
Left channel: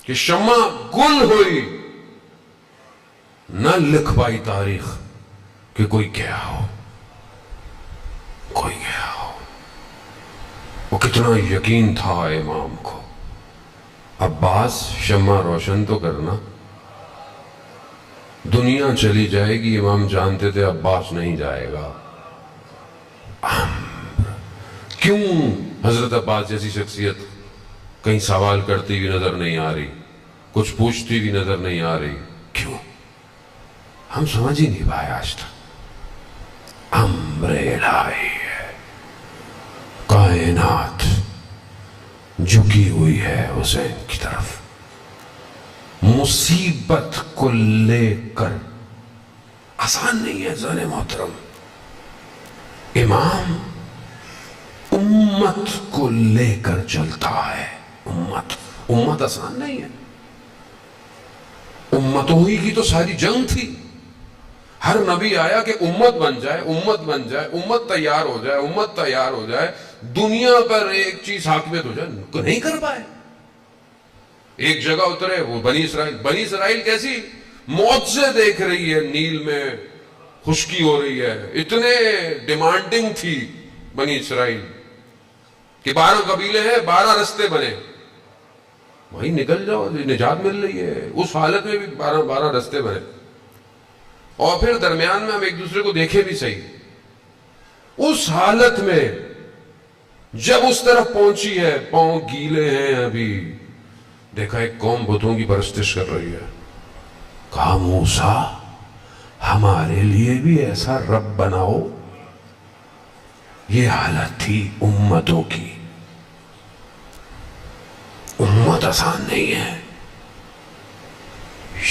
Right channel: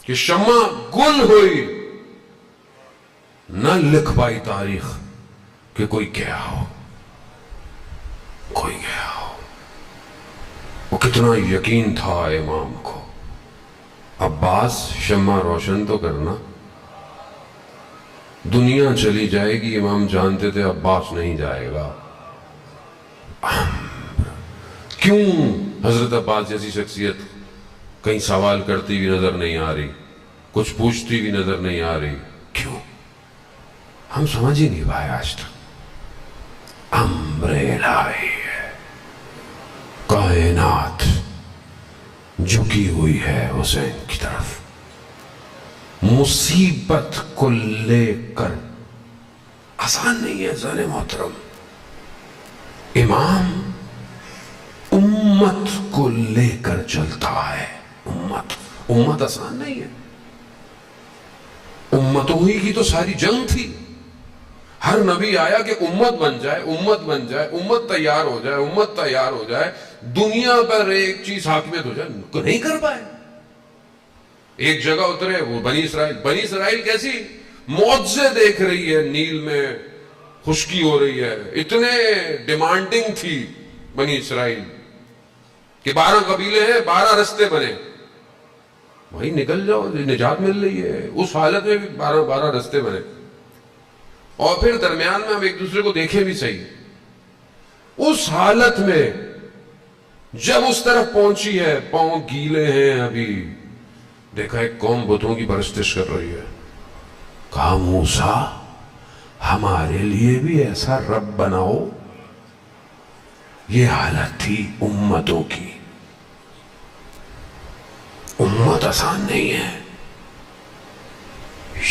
کہ شمع گل ہوئی نہ لکھ پائی تاریخ کہ کوئی گیا ہو، کوئی گیا ہو. وہ کتنا یقین تھا امام کو. عباس شمع روشن تو کرنا، دنیا چلی جائے گی. امام جانتے تھے عباس نہیں جائے گا. کیوں حضرت عباس جیسی شخصیت کہیں سوال کرتی ہوئی نظر نہیں آ رہی، کچھ پوچھتی ہوئی نظر نہیں آ رہی؟ کیوں؟ ہم سمجھ ہی نہیں پائے آج تک. امر الہی ہے، کائنات جھکی ہوئی ہے حسین کی طرف. مصیبت کو لے کر آسان نہیں ہے زن محترم. امام امت کو لے کر چلتا ہے. امت آسان نہیں ہے. امتوں ہی کی تو ساری جنگ تھی. ہر نبی آیا کہ امت بن جائے، امت بن جائے، امت تیار ہو جائے، امت تیار ہو جائے، دنیا پر ایک چیز حاکمیت ہو جائے. نہیں کر پائے. ایک جگہ اترے وہ بنی اسرائیل. بنی اسرائیل کیسی معجزے دیکھ رہی ہے، نیل میں خشکی ہو رہی ہے. اتنے ڈیمانڈنگ تھی بنی اسرائیل کہ 12 قبیلے ہیں، 12 رستے بنے. بھائی نکل جاؤ، نجات مل رہی ہے. اس حالت میں بھی 12 رستے بنے. اور پھر درمیان میں ہم ایک دوسرے کو دیکھیں بھی صحیح. اس حالت میں جب اس طرف پہنچی ہے، پاؤں گیلے ہیں ابھی، دیکھا ایک قوم بتوں کی پرستش کر رہی ہے. کہا موسیٰ ہمارے لیے بھی ایسا رب بناؤ. یہ حالت تھی امتوں کی. امت آسان نہیں ہے.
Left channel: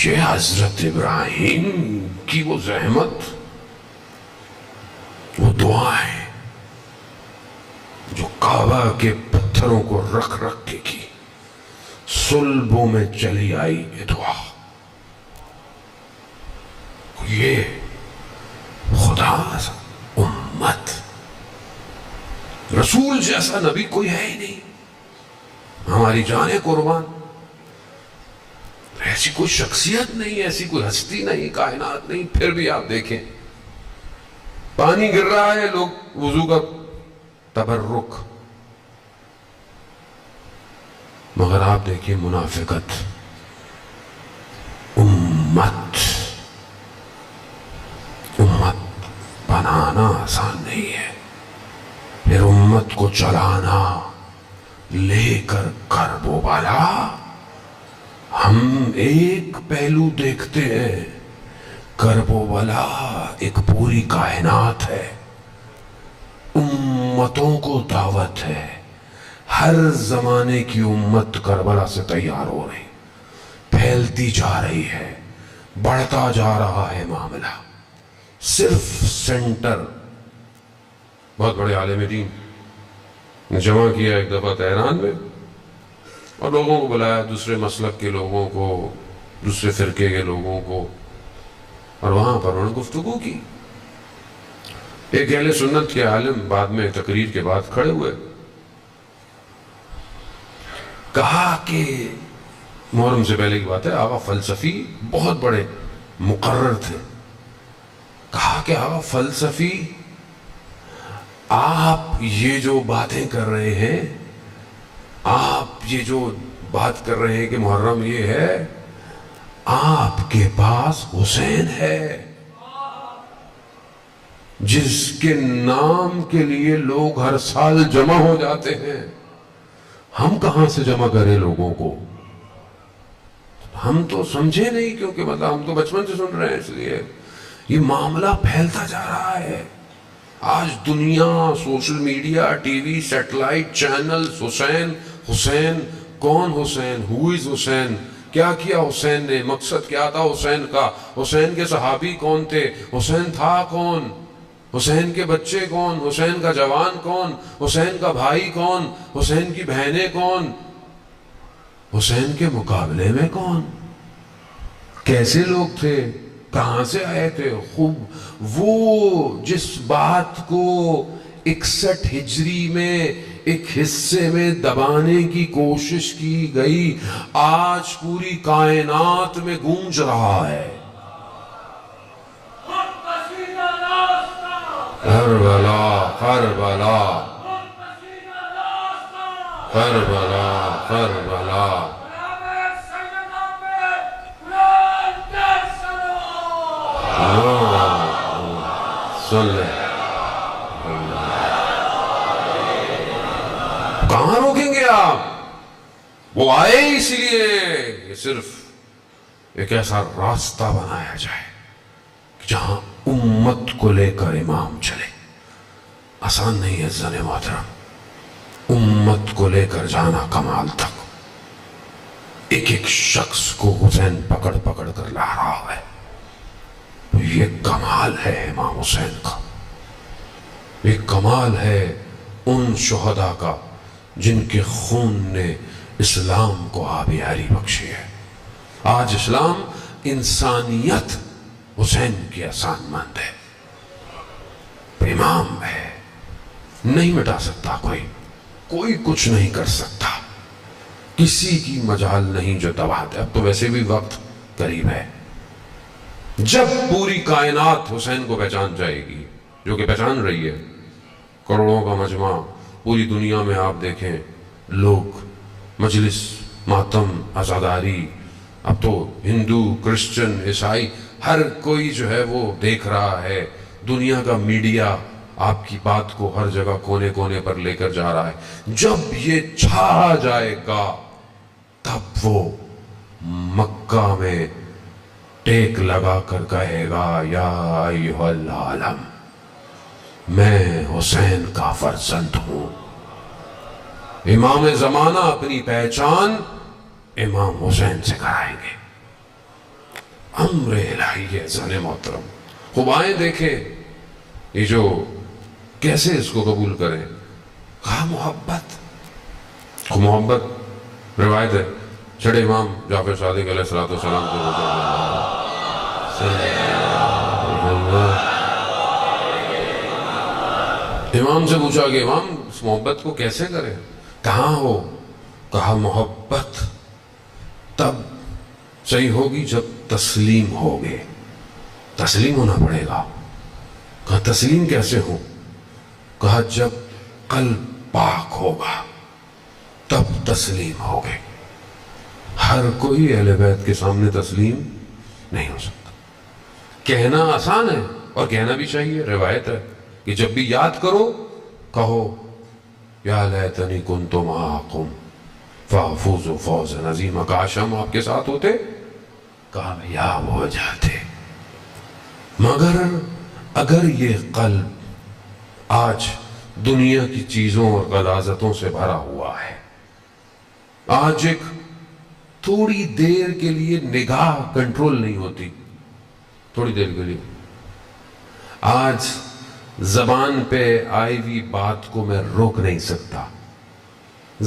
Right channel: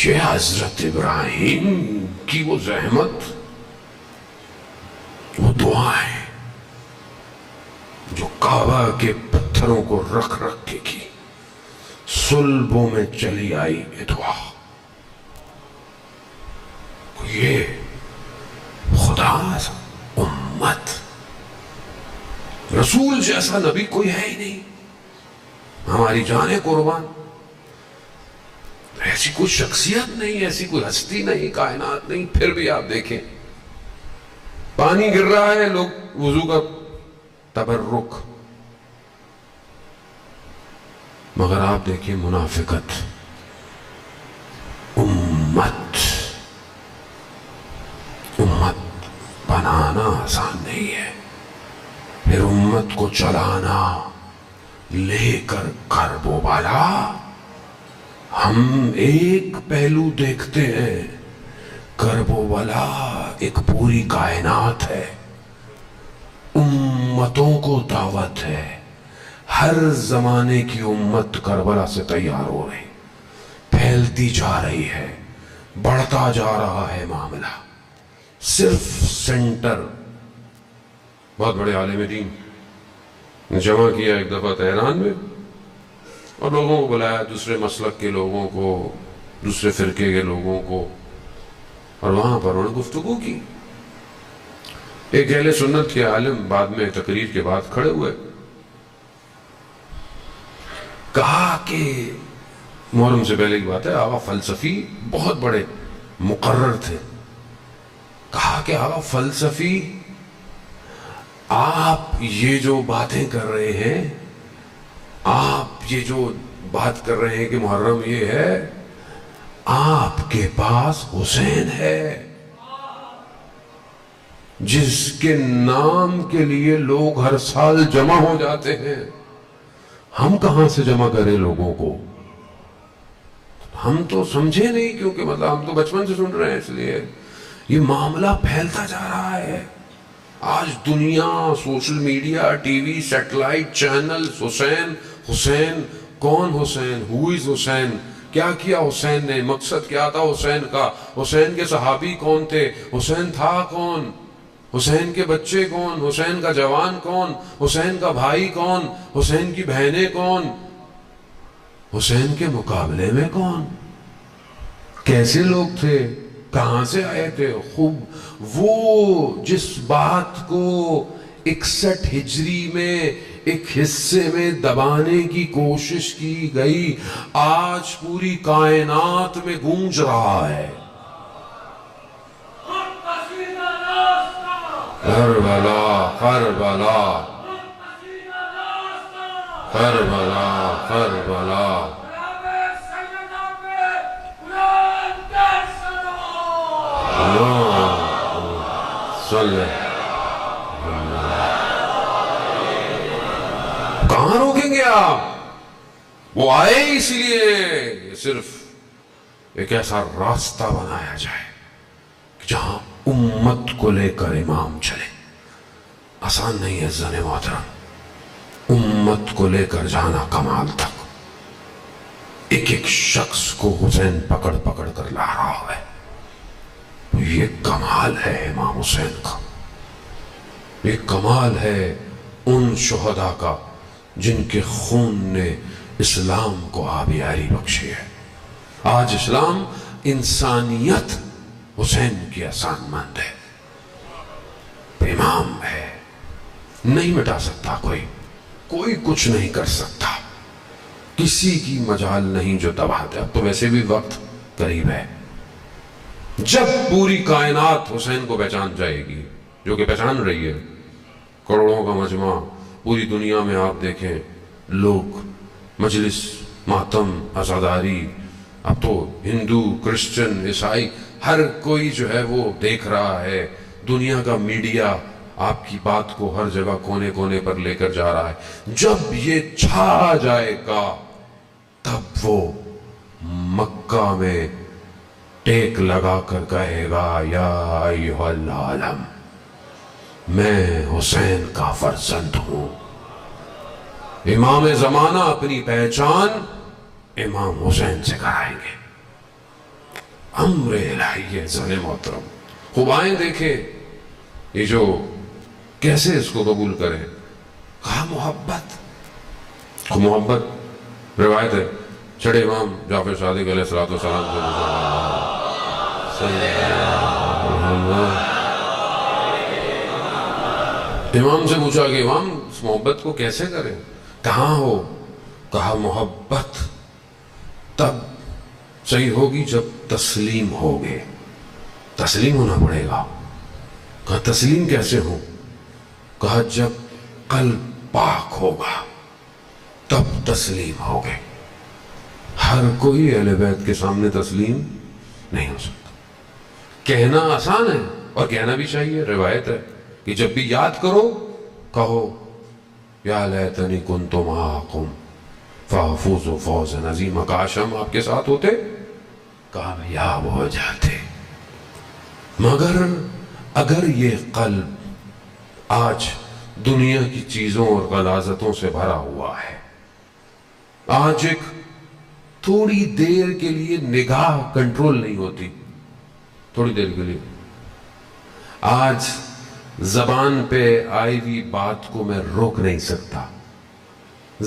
یہ حضرت ابراہیم کی وہ زحمت، وہ دعائیں جو کعبہ کے پتھروں کو رکھ رکھ کے کی، صلبوں میں چلی آئی یہ دعا. یہ خدا امت، رسول جیسا نبی کوئی ہے ہی نہیں. ہماری جانیں قربان. ایسی کوئی شخصیت نہیں، ایسی کوئی ہستی نہیں، کائنات نہیں. پھر بھی آپ دیکھیں پانی گر رہا ہے، لوگ وضو کا تبرک. مگر آپ دیکھیں منافقت. امت بنانا آسان نہیں ہے، پھر امت کو چلانا لے کر کرب و بالا. ہم ایک پہلو دیکھتے ہیں، کرب و بلا ایک پوری کائنات ہے. امتوں کو دعوت ہے. ہر زمانے کی امت کربلا سے تیار ہو رہی، پھیلتی جا رہی ہے، بڑھتا جا رہا ہے معاملہ. صرف سینٹر، بہت بڑے عالم دین نے جمع کیا ایک دفعہ تہران میں، اور لوگوں کو بلایا، دوسرے مسلک کے لوگوں کو، دوسرے فرقے کے لوگوں کو، اور وہاں پر انہوں نے گفتگو کی. ایک اہل سنت کے عالم بعد میں تقریر کے بعد کھڑے ہوئے، کہا کہ محرم سے پہلے کی بات ہے، آقا فلسفی بہت بڑے مقرر تھے. کہا کہ آقا فلسفی آپ یہ جو باتیں کر رہے ہیں، آپ یہ جو بات کر رہے ہیں کہ محرم یہ ہے، آپ کے پاس حسین ہے جس کے نام کے لیے لوگ ہر سال جمع ہو جاتے ہیں. ہم کہاں سے جمع کریں لوگوں کو؟ ہم تو سمجھے نہیں، کیونکہ مطلب ہم تو بچپن سے سن رہے ہیں. اس لیے یہ معاملہ پھیلتا جا رہا ہے. آج دنیا، social media, T V, satellite channel, Hussain Hussain. کون حسین؟ ہو از حسین؟ کیا کیا حسین نے؟ مقصد کیا تھا حسین کا؟ حسین کے صحابی کون تھے؟ حسین تھا کون؟ حسین کے بچے کون؟ حسین کا جوان کون؟ حسین کا بھائی کون؟ حسین کی بہنیں کون؟ حسین کے مقابلے میں کون؟ کیسے لوگ تھے, کہاں سے آئے تھے. خوب وہ جس بات کو 61 ہجری میں ایک حصے میں دبانے کی کوشش کی گئی, آج پوری کائنات میں گونج رہا ہے. کربلا کربلا کربلا کربلا. کہاں روکیں گے آپ؟ وہ آئے اس لیے یہ صرف ایک ایسا راستہ بنایا جائے جہاں امت کو لے کر امام چلے. آسان نہیں ہے زن محترم, امت کو لے کر جانا کمال تک. ایک ایک شخص کو حسین پکڑ پکڑ کر لا رہا ہے. تو یہ کمال ہے امام حسین کا, یہ کمال ہے ان شہداء کا جن کے خون نے اسلام کو آبیاری بخشی ہے. آج اسلام انسانیت حسین کی احسان مند ہے, امام ہے, نہیں مٹا سکتا کوئی کچھ نہیں کر سکتا, کسی کی مجال نہیں جو دبا دے. اب تو ویسے بھی وقت قریب ہے جب پوری کائنات حسین کو پہچان جائے گی, جو کہ پہچان رہی ہے. کروڑوں کا مجمع پوری دنیا میں آپ دیکھیں, لوگ مجلس, ماتم, عزاداری, اب تو ہندو, کرسچن, عیسائی, ہر کوئی جو ہے وہ دیکھ رہا ہے. دنیا کا میڈیا آپ کی بات کو ہر جگہ کونے کونے پر لے کر جا رہا ہے. جب یہ چھا جائے گا تب وہ مکہ میں ٹیک لگا کر کہے گا, یا ایھا العالم, میں حسین کا فرزند ہوں. امام زمانہ اپنی پہچان امام حسین سے کرائیں گے. امر الہی ہے زن محترم. خوب آئیں دیکھیں یہ جو کیسے اس کو قبول کریں. کہا محبت, محبت روایت ہے چھڑے امام جعفر صادق علیہ السلام سے امام سے پوچھا کہ امام اس محبت کو کیسے کریں, کہاں ہو؟ کہا محبت تب صحیح ہوگی جب تسلیم ہوگے. تسلیم ہونا پڑے گا. کہا تسلیم کیسے ہو؟ کہا جب قلب پاک ہوگا تب تسلیم ہوگے. ہر کوئی اہل بیت کے سامنے تسلیم نہیں ہو سکتا. کہنا آسان ہے اور کہنا بھی چاہیے. روایت ہے کہ جب بھی یاد کرو کہو یا لیتنی کنت معکم فافوز فوزا عظیما. کاش ہم آپ کے ساتھ ہوتے, کامیاب ہو جاتے. مگر اگر یہ قلب آج دنیا کی چیزوں اور غلاظتوں سے بھرا ہوا ہے, آج ایک تھوڑی دیر کے لیے نگاہ کنٹرول نہیں ہوتی, تھوڑی دیر کے لیے, آج زبان پہ آئی ہوئی بات کو میں روک نہیں سکتا,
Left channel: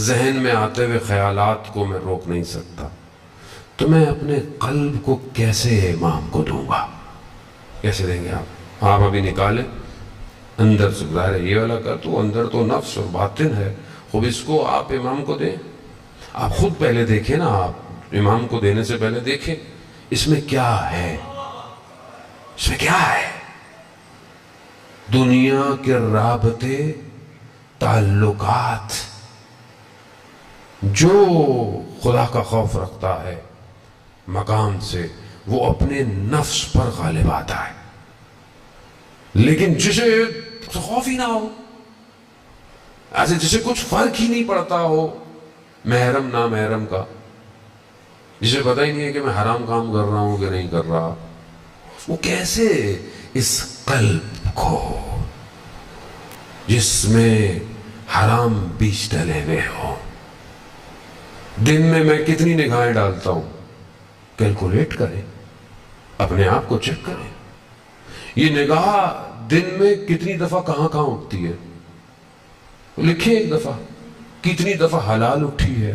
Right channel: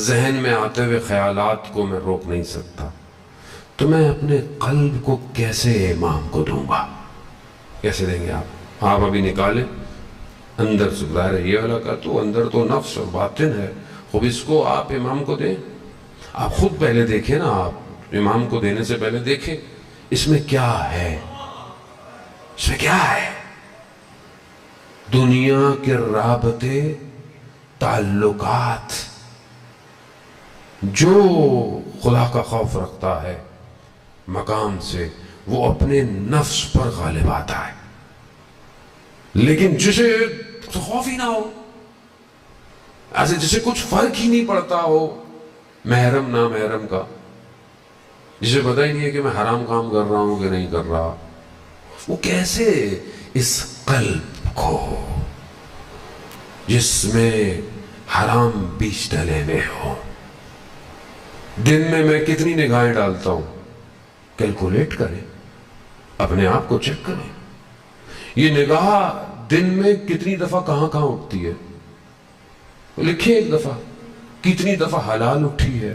ذہن میں آتے ہوئے خیالات کو میں روک نہیں سکتا, تو میں اپنے قلب کو کیسے امام کو دوں گا؟ کیسے دیں گے آپ؟ آپ ابھی نکالیں اندر سے, ظاہر ہے یہ والا کر تو اندر تو نفس اور باطن ہے, خوب اس کو آپ امام کو دیں. آپ خود پہلے دیکھیں نا, آپ امام کو دینے سے پہلے دیکھیں اس میں کیا ہے, اس میں کیا ہے. دنیا کے رابطے, تعلقات, جو خدا کا خوف رکھتا ہے مقام سے وہ اپنے نفس پر غالب آتا ہے. لیکن جسے خوف ہی نہ ہو, ایسے جسے کچھ فرق ہی نہیں پڑتا ہو محرم نا محرم کا, جسے پتہ ہی نہیں ہے کہ میں حرام کام کر رہا ہوں کہ نہیں کر رہا, وہ کیسے اس قلب کو جس میں حرام بیج ڈلے ہوئے ہو, دن میں کتنی نگاہیں ڈالتا ہوں, کیلکولیٹ کریں, اپنے آپ کو چیک کریں. یہ نگاہ دن میں کتنی دفعہ کہاں اٹھتی ہے, لکھیں ایک دفعہ. کتنی دفعہ حلال اٹھی ہے,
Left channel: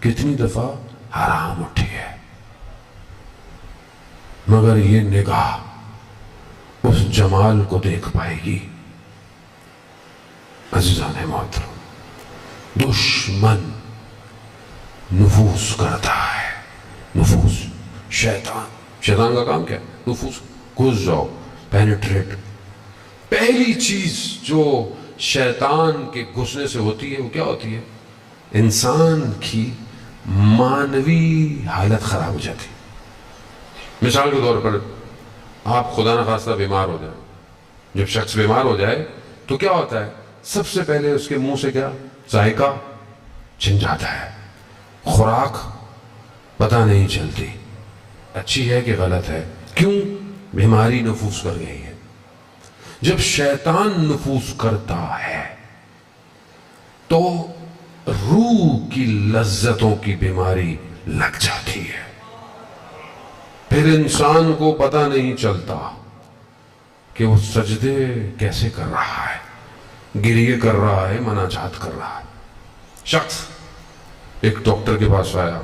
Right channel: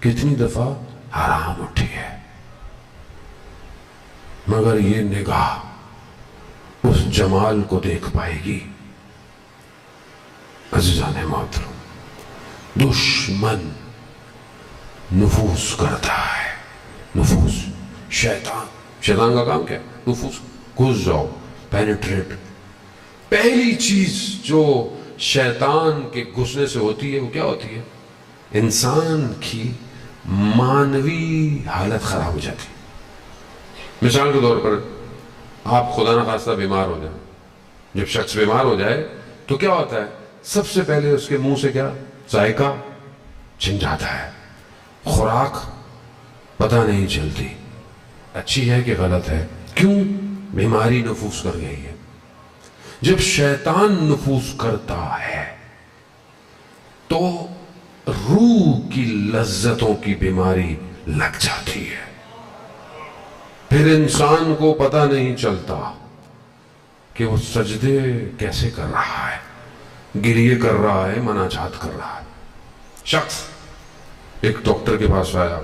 کتنی دفعہ حرام اٹھی ہے. مگر یہ نگاہ اس جمال کو دیکھ پائے گی۔ عزیزان محترم، دشمن نفوذ کرتا ہے، نفوذ، شیطان کا کام کیا ہے؟ نفوذ، گھس جاؤ، پینیٹریٹ۔ پہلی چیز جو شیطان کے گھسنے سے ہوتی ہے وہ کیا ہوتی ہے؟ انسان کی مانوی حالت خراب ہو جاتی ہے۔ مثال کے طور پر آپ خدا نخواستہ بیمار ہو جائیں، جب شخص بیمار ہو جائے تو کیا ہوتا ہے؟ سب سے پہلے اس کے منہ سے کیا؟ ذائقہ چھن جاتا ہے، خوراک پتہ نہیں چلتی اچھی ہے کہ غلط ہے۔ کیوں؟ بیماری نفوذ کر گئی ہے۔ جب شیطان نفوذ کرتا ہے تو روح کی لذتوں کی بیماری لگ جاتی ہے، پھر انسان کو پتہ نہیں چلتا کہ وہ سجدے کیسے کر رہا ہے، گریہ کر رہا ہے، مناجات کر رہا ہے۔ شخص ایک ڈاکٹر کے پاس آیا،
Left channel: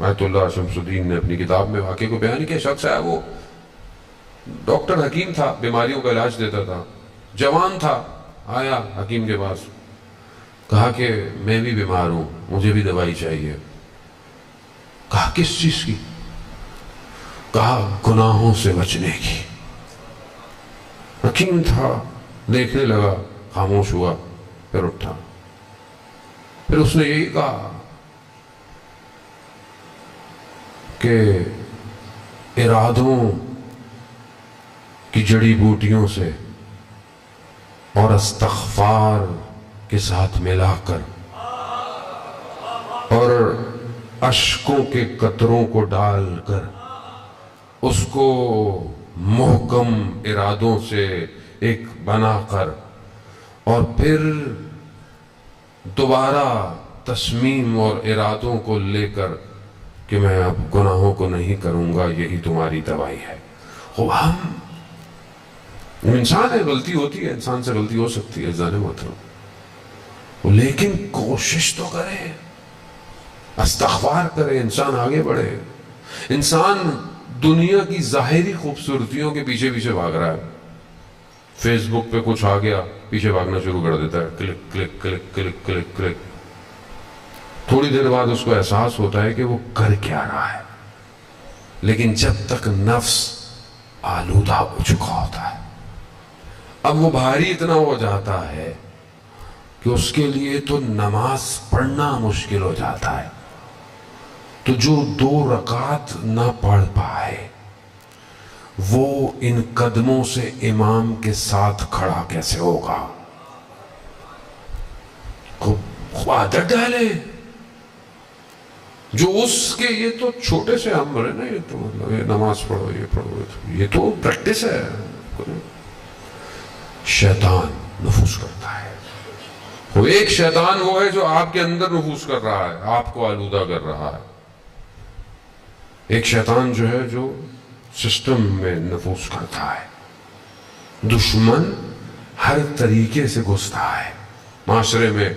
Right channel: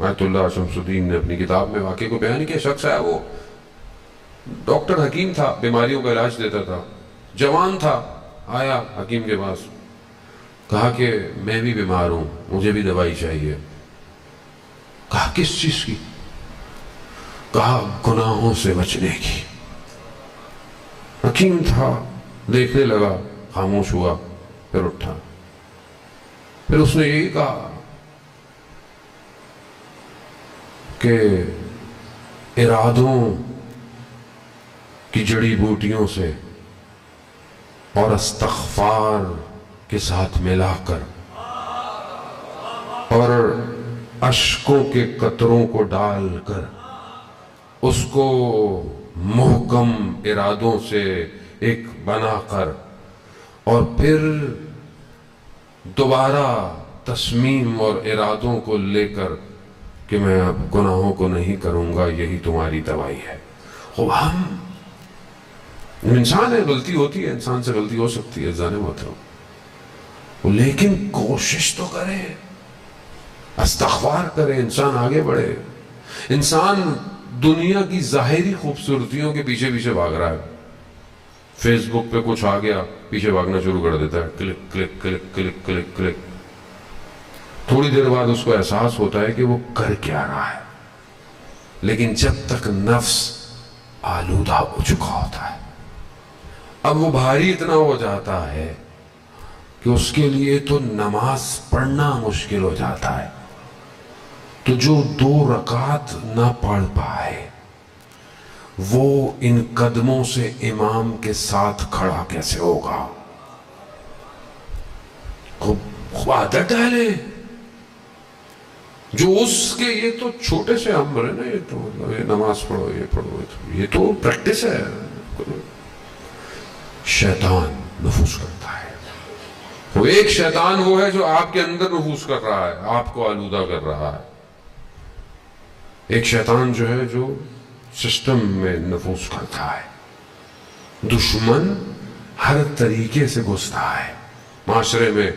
آیت اللہ شمس الدین نے اپنی کتاب میں واقعے کو بیان کیا۔ شخص آیا، وہ ڈاکٹر حکیم تھا، بیماریوں کا علاج دیتا تھا، جوان تھا، آیا حکیم کے پاس، کہا کہ میں بھی بیمار ہوں، مجھے بھی دوائی چاہیے۔ کہا کس چیز کی؟ کہا گناہوں سے بچنے کی۔ حکیم تھا، دیکھنے لگا، خاموش ہوا، پھر اٹھا، پھر اس نے یہی کہا کہ ارادوں کی جڑی بوٹیوں سے اور استغفار کے ساتھ ملا کر اور اشکوں کے قطروں کو ڈال کر اس کو محکم ارادوں سے ایک بنا کر اور پھر دوبارہ تصمیم اور ارادوں کو لے کر کہ میں اب گناہوں کو نہیں کروں گا، یہی تمہاری دوائی ہے۔ خوب ہم انسان ہے، غلطی ہوتی ہے، انسان سے غلطی ہو سکتی ہے عزیزان محترم، لیکن کوشش تو کرے، استغفار کرے، انسان آگے بڑھے۔ انسان دنیا کی ظاہری خوبصورتیوں کے پیچھے پیچھے بھاگ رہا ہے، فیس بک پہ کچھ آ گیا، پیچھے بھاگنا شروع کر دیتا ہے، click click click click click click. تھوڑی دیر بعد اس کو احساس ہوتا ہے کہ وہ کر کیا رہا ہے، لیکن جب تک نفس آلودہ ہو چکا ہوتا ہے، اب وہ بھاری اتنا ہو جاتا ہے کہ اس کے لیے تو نماز پڑھنا مشکل ہو جاتا ہے، تو جو 2 رکعت نہ پڑھ پائے وہ ان قدموں سے امام کے ساتھ کھڑا کیسے ہوگا؟ خوب عادت ڈالے، جو اس کے یہ تو چھوٹے سے امر ہے نا، یہ تو مطلب یہ نماز پڑھو، یہ پڑھو، یہ تو پریکٹس ہے۔ شیطان نفوذ کرتا ہے، وہ ایک شیطان وہ ہے جو آپ کے اندر نفوذ کر رہا ہے، آپ کو آلودہ کر رہا ہے۔ ایک شیطان جو ہے جو سسٹم میں نفوذ کرتا ہے۔ دشمن ہر طریقے سے گھستا ہے معاشرے میں،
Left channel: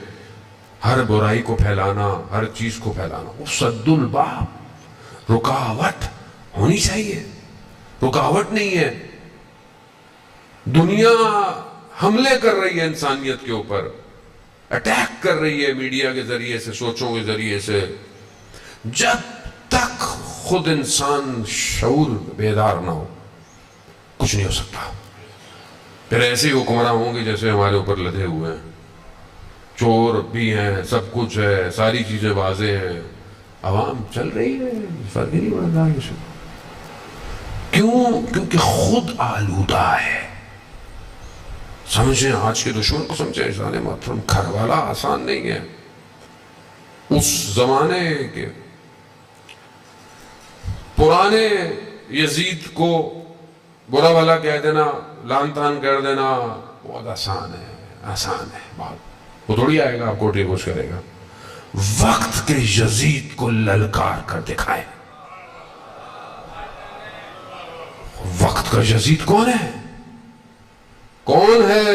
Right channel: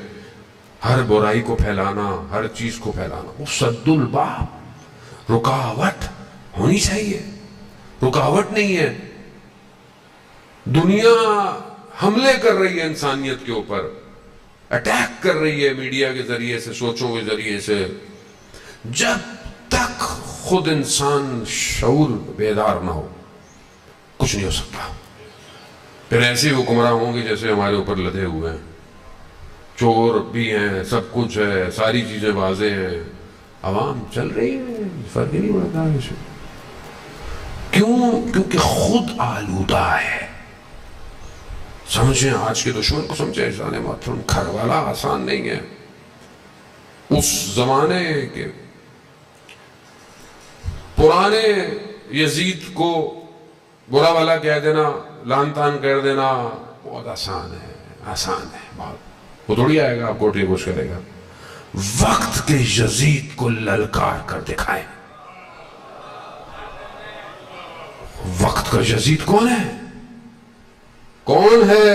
ہر برائی کو پھیلانا، ہر چیز کو پھیلانا۔ وہ سد الباب، رکاوٹ ہونی چاہیے، رکاوٹ نہیں ہے۔ دنیا حملے کر رہی ہے انسانیت کے اوپر، اٹیک کر رہی ہے میڈیا کے ذریعے سے، سوچوں کے ذریعے سے۔ جب تک خود انسان شعور بیدار نہ ہو کچھ نہیں ہو سکتا۔ پھر ایسے ہی حکمراں ہوں گے جیسے ہمارے اوپر لدے ہوئے ہیں، چور بھی ہیں، سب کچھ ہے، ساری چیزیں واضح ہیں، عوام چل رہی ہے، فرق ہی نہیں پڑتا اسے۔ کیوں؟ کیونکہ خود آلودہ ہے۔ سمجھیں آج کے دشمن کو، سمجھیں عزیزان محترم، گھروالا آسان نہیں ہے۔ اس زمانے کے پرانے یزید کو برا والا کہہ دینا، لان تان کر دینا بہت آسان ہے، آسان ہے بہت۔ وہ تھوڑی آئے گا آپ کو ٹھیک کچھ کرے گا۔ وقت کے یزید کو للکار کر دکھائیں۔ وقت کا یزید کون ہے؟ کون ہے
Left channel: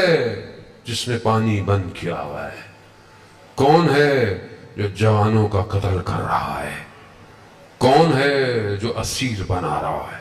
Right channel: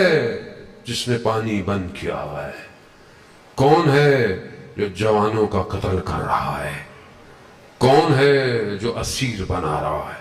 جس نے پانی بند کیا ہوا ہے؟ کون ہے جو جوانوں کا قتل کر رہا ہے؟ کون ہے جو اسیر بنا رہا ہے؟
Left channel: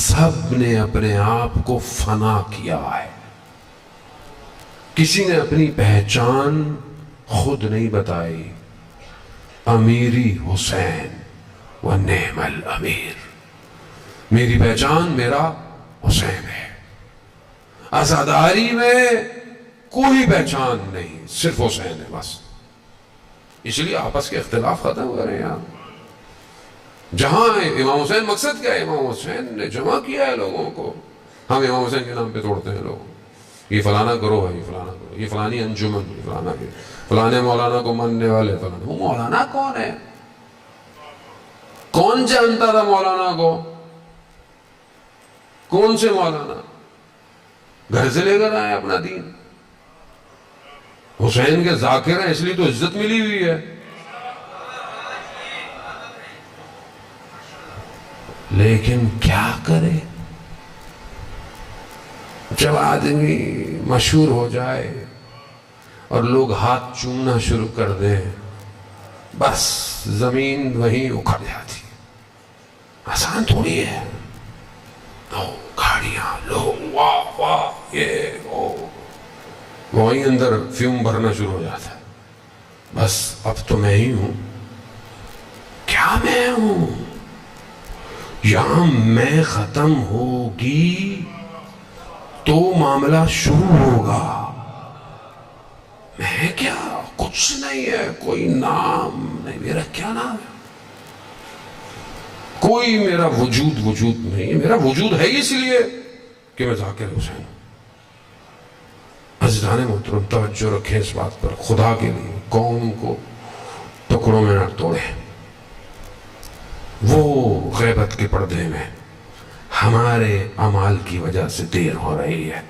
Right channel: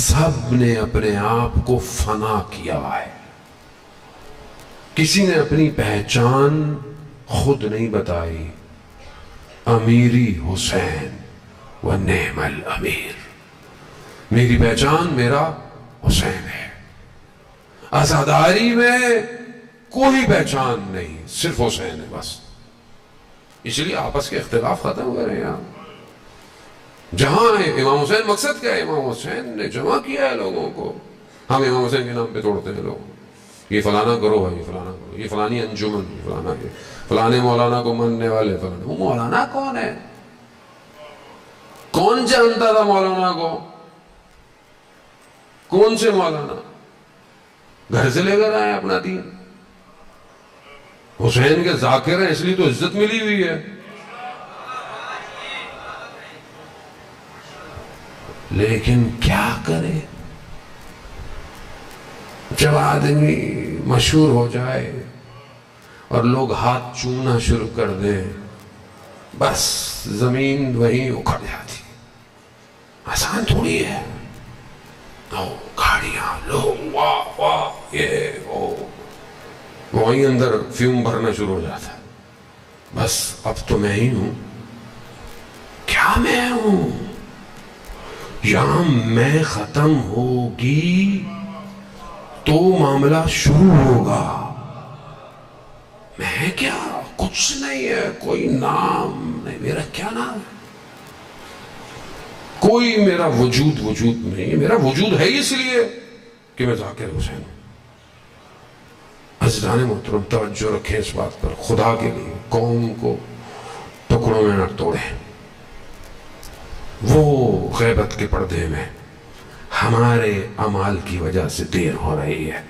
سب نے اپنے آپ کو فنا کیا ہے. کسی نے اپنی پہچان خود نہیں بتائی. امیری حسین و نعم الامیر. میری پہچان میرا حسین ہے. عزاداری میں کوئی پہچان نہیں، صرف حسین ہے بس. اس لیے آپس کے اختلاف ختم کریں یار. جہاں امام حسین، مقصد کیا ہے؟ امام حسین نے جمع کیا ہے لوگوں کو. ہم امام حسین کے نام پہ توڑتے ہیں لوگ. یہ فلانا کرو بھائی، فلانا کرو، یہ فلانی انجمن، یہ فلانا، یہ فلانے مولانا کو ماننے والے فلانا. وہ مولانا کون ہے؟ کون جانتا تھا مولانا کو؟ کون سے مولانا؟ گھر سے لے کر آئے اپنا دین. حسین کے ذاکر ہیں اس لیے تو عزت ملی ہوئی ہے. لیکن کیا کرے جب آدمی مشہور ہو جائے اور لوگ ہاتھ چومنا شروع کر دیں، بس زمین وہیں اکھڑ جاتی. آسان تھوڑی ہے. لو گاڑیاں، لو واہ واہ، یہ وہ، وہیں اندر فیوم بھرنا شروع ہو جاتا ہے. بس اب تو میں ہی ہوں. کیا میں ہوں؟ یہاں میں ختم ہوگی تو معاملہ شروع ہوگا. میں کیا؟ کچھ نہیں ہے. کوئی نام نہیں میرا. کیا نام ہے؟ کوئی میرا وجود نہیں ہے. میرا وجود ہے اس لیے کہ میں ذاکر حسین ہوں. عزیزان محترم، توجہ رکھیں اس بات پر. خدا کے لیے قوم کو ٹکڑوں میں نہ توڑیں. وہ غیبت کے پردے میں ہمارے اعمال کی وجہ سے دیر ہو رہی ہے.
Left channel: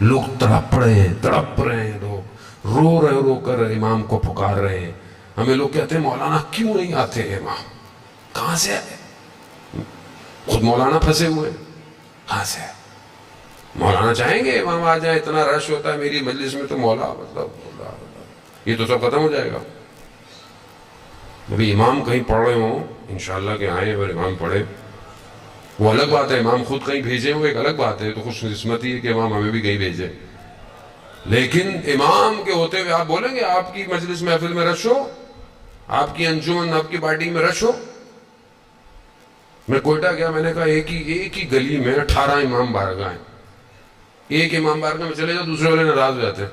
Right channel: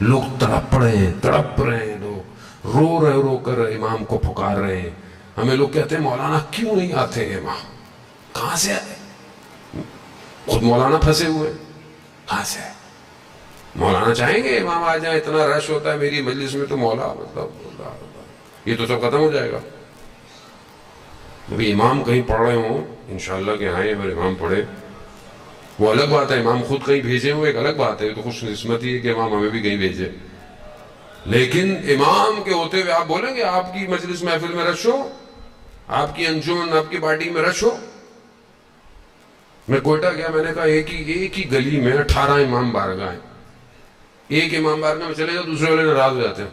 لوگ تڑپ رہے ہیں. لوگ رو کر امام کو پکار رہے ہیں. ہمیں لوگ کہتے ہیں مولانا کیوں نہیں آتے امام؟ کہاں سے آئے؟ خود مولانا پھنسے ہوئے. کہاں سے آئے؟ مولانا چاہیں گے امام آ جائیں؟ اتنا رش ہوتا ہے میری مجلس میں تو مولا مطلب یہ تو سب ختم ہو جائے گا. ابھی امام کہیں پڑھ رہے ہوں انشاءاللہ کہ آئیں اور امام پڑھے، وہ الگ بات ہے. امام خود کہیں بھیجے وہ ایک الگ بات ہے. تو خوش قسمتی ہے کہ امام ہمیں بھی کہیں بھیجے. لیکن امام کے ہوتے ہوئے آپ بولیں گے آپ کی مجلس محفل میں رش ہو، آپ کی انجمن، آپ کی پارٹی میں رش ہو؟ میں کوئٹہ گیا، میں نے کہا ایک ہی گلی میں 18 امام بارگاہ ہیں. ایک امام بارگاہ میں چلے جاؤ دوسرے والے ناراض ہو جاتے ہیں،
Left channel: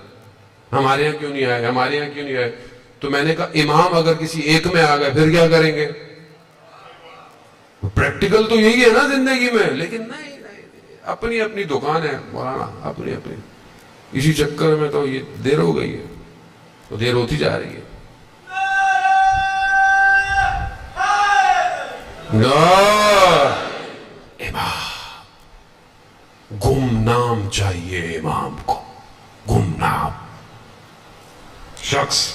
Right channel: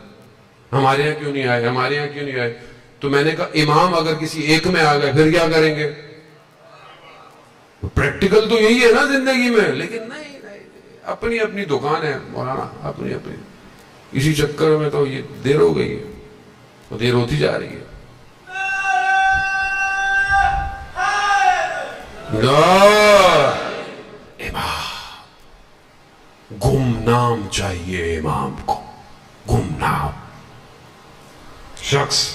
ہمارے یہاں کیوں نہیں آئے، ہمارے یہاں کیوں نہیں آئے. تو میں نے کہا امام اگر کسی ایک میں آ گئے پھر کیا کریں گے؟ پریکٹیکل تو یہی ہے نا زندگی میں. لیکن نہیں، اپنی اپنی دکان ہے مولانا، اپنی. اسی چکر میں تو یہ دیر ہو گئی ہے، وہ دیر ہوتی جا رہی ہے. امام گمنام چاہیے. امام کو گمنام. شخص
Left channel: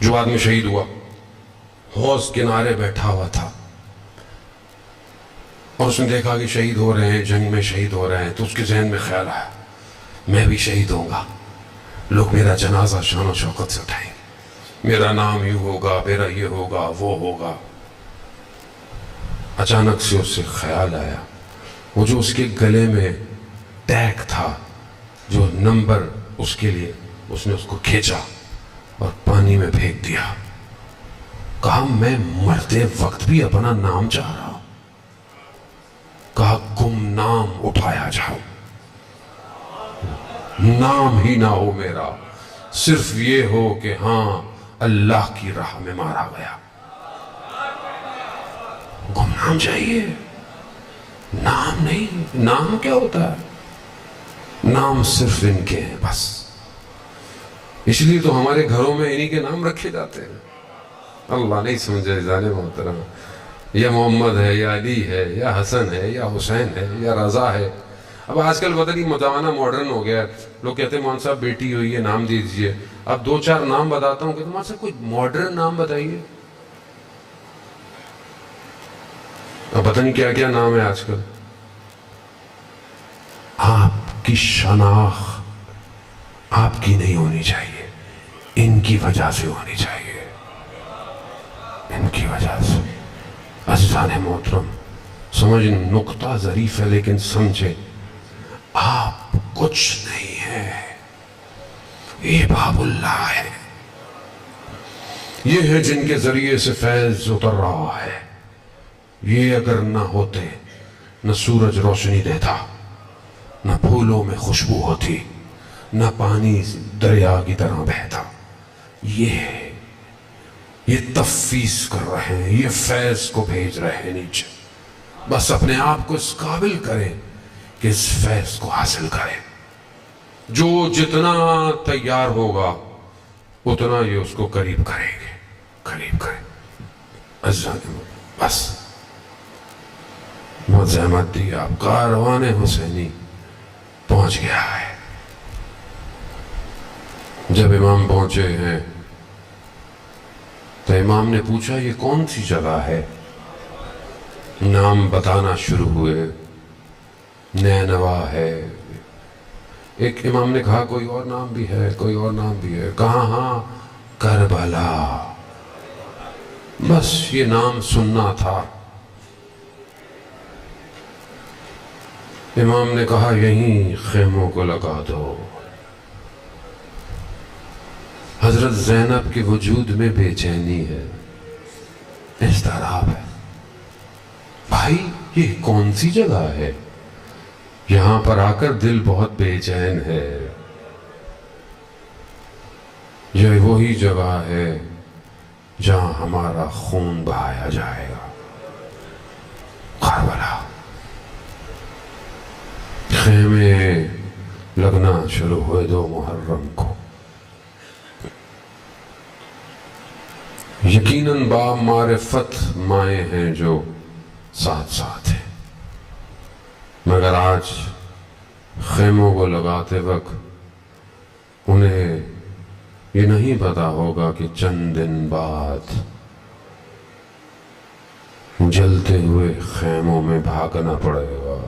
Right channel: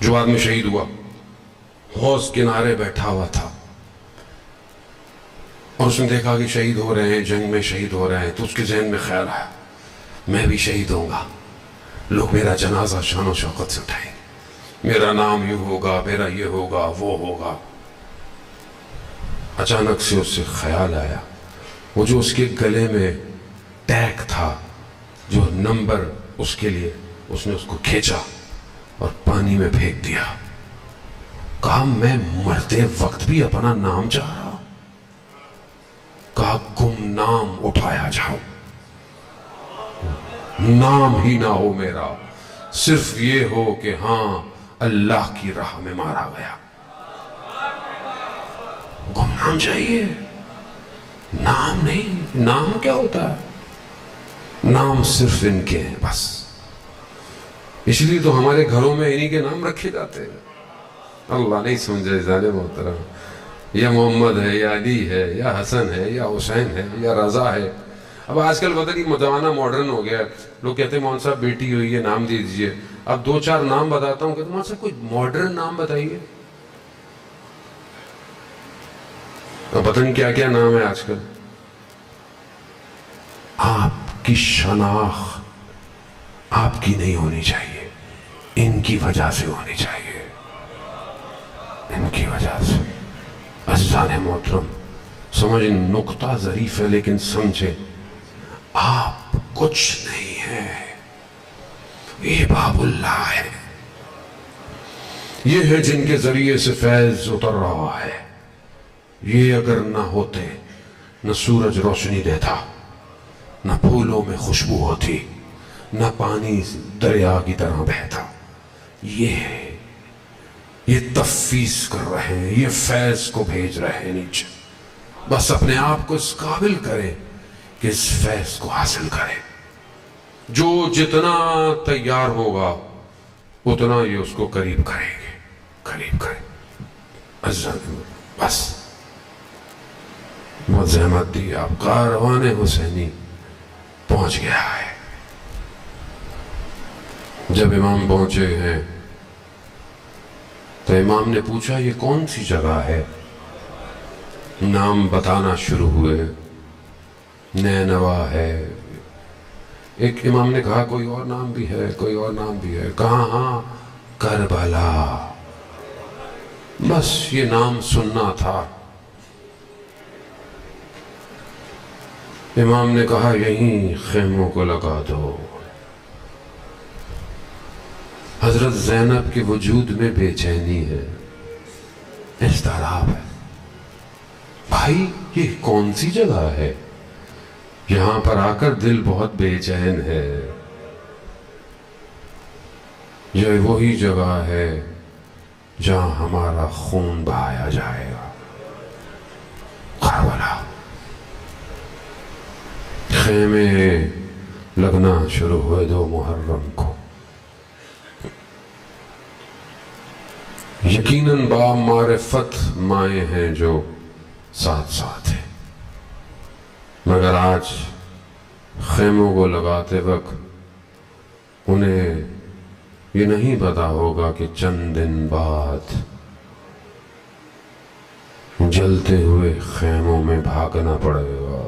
جو بعد میں شہید ہوا حوض کنارے بیٹھا ہوا تھا اور اس نے دیکھا کہ شہید ہو رہے ہیں، جنگ میں شہید ہو رہے ہیں، تو اس کے ذہن میں خیال آیا میں بھی شہید ہوں گا. لوگ میرا جنازہ شان و شوکت سے اٹھائیں گے، میرا نام یوں ہوگا، میرا یہ ہوگا، وہ ہوگا. اچانک سے اس سے خیال آیا وہ جو اس کے گلے میں ٹیگ تھا، جو نمبر اس کے لیے، اس نے اس کو کھینچا اور پانی میں پھینک دیا. کہا میں مرتے وقت بھی اپنا نام چاہ رہا ہوں. کہا گمنام اٹھایا جاؤ، نام ہی نہ ہو میرا، صرف یہ ہو کہ ہاں اللہ کی راہ میں مارا گیا. گمنام چاہیے، نام نہیں. نام کیا ہوتا ہے؟ نام صرف ان کے ہیں بس. اس لیے تو ہمارے گھروں میں انہی کے نام رکھے جاتے ہیں. اللہ نہیں سمجھے جانے محترم، یا محمد ہے، یا علی ہے، یا حسن ہے، یا حسین ہے، یا رضا ہے. اب آج کل پتہ نہیں زمانہ ماڈرن ہو گیا. لوگ کہتے ہیں مولوی صاحب بیٹی ہوئی ہے نام دے دیجئے. اب 2-4 نام بتاتا ہوں، کہتے ہیں مولوی صاحب کوئی ماڈرن نام بتائیے. اب پتہ نہیں کیا کیا نام ہے آج کل. آپ کی شناخت آپ کی نہیں ہونی چاہیے، ان کی وجہ سے ہونی چاہیے، ان کی وجہ سے. عزیزان محترم، سمجھ نقطہ ظریف ہے لیکن سمجھے آپ کچھ نہیں ہیں، یہ باب اللہ ہے، یہ ہے جن کے ذریعے سے فیض اتر رہا ہے۔ یہ اگر نہ ہوتے نہ سورج روشنی دیتا، نہ پھولوں میں خوشبو ہوتی، نہ پانی دریا کی طرح بہتا۔ یہ تفویض کر رہے ہیں، یہ فیض کو بھیج رہے ہیں نیچے۔ بس اپنے آپ کو اس قابل کریں کہ اس فیض کو حاصل کریں۔ جو جتنا تیار ہوگا اتنا یہ اس کو قریب کریں گے، قریب کریں۔ بس بہت زحمت دی، آپ کاروان حسینی پہنچ گیا ہے۔ جب امام پہنچے ہیں تو امام نے پوچھا یہ کون سی جگہ ہے؟ نام بتانا شروع ہوئے، نینوا ہے، ایک امام نے کہا کوئی اور نام بھی ہے، کوئی اور نام بھی ہے، کہا ہاں کربلا، بس یہ نام سننا تھا۔ امام نے کہا یہیں خیموں کو لگا دو۔ حضرت زینب کے وجود میں بے چینی ہے، اضطراب ہے۔ بھائی یہ کون سی جگہ ہے؟ یہاں پر آ کر دل بہت بے چین ہے۔ یہ وہی جگہ ہے جہاں ہمارا خون بہایا جائے گا، کربلا۔ خیمے لگنا شروع ہوئے 2 محرم کو۔ یقیناً با معرفت مائیں ہیں جو ساتھ ساتھ ہیں، مگر آج خیموں کو لگاتے وقت انہیں یہ نہیں پتا ہوگا کہ چند دن بعد جلتے ہوئے خیموں میں بھاگنا پڑے گا۔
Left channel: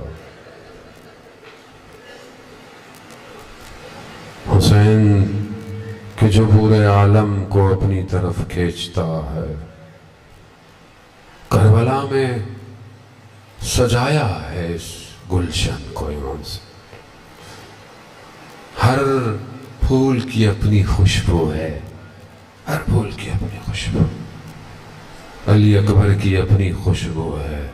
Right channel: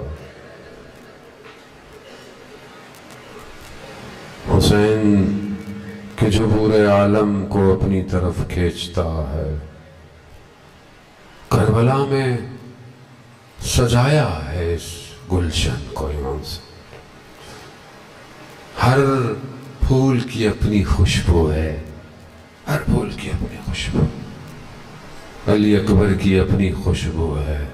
حسین کہ جو پورے عالم کو اپنی طرف کھینچتا ہے، کربلا میں سجایا ہے اس گلشن کو امام سے۔ ہر پھول کی اپنی خوشبو ہے، ہر پھول کی اپنی خوشبو۔ علی اکبر کی اپنی خوشبو ہے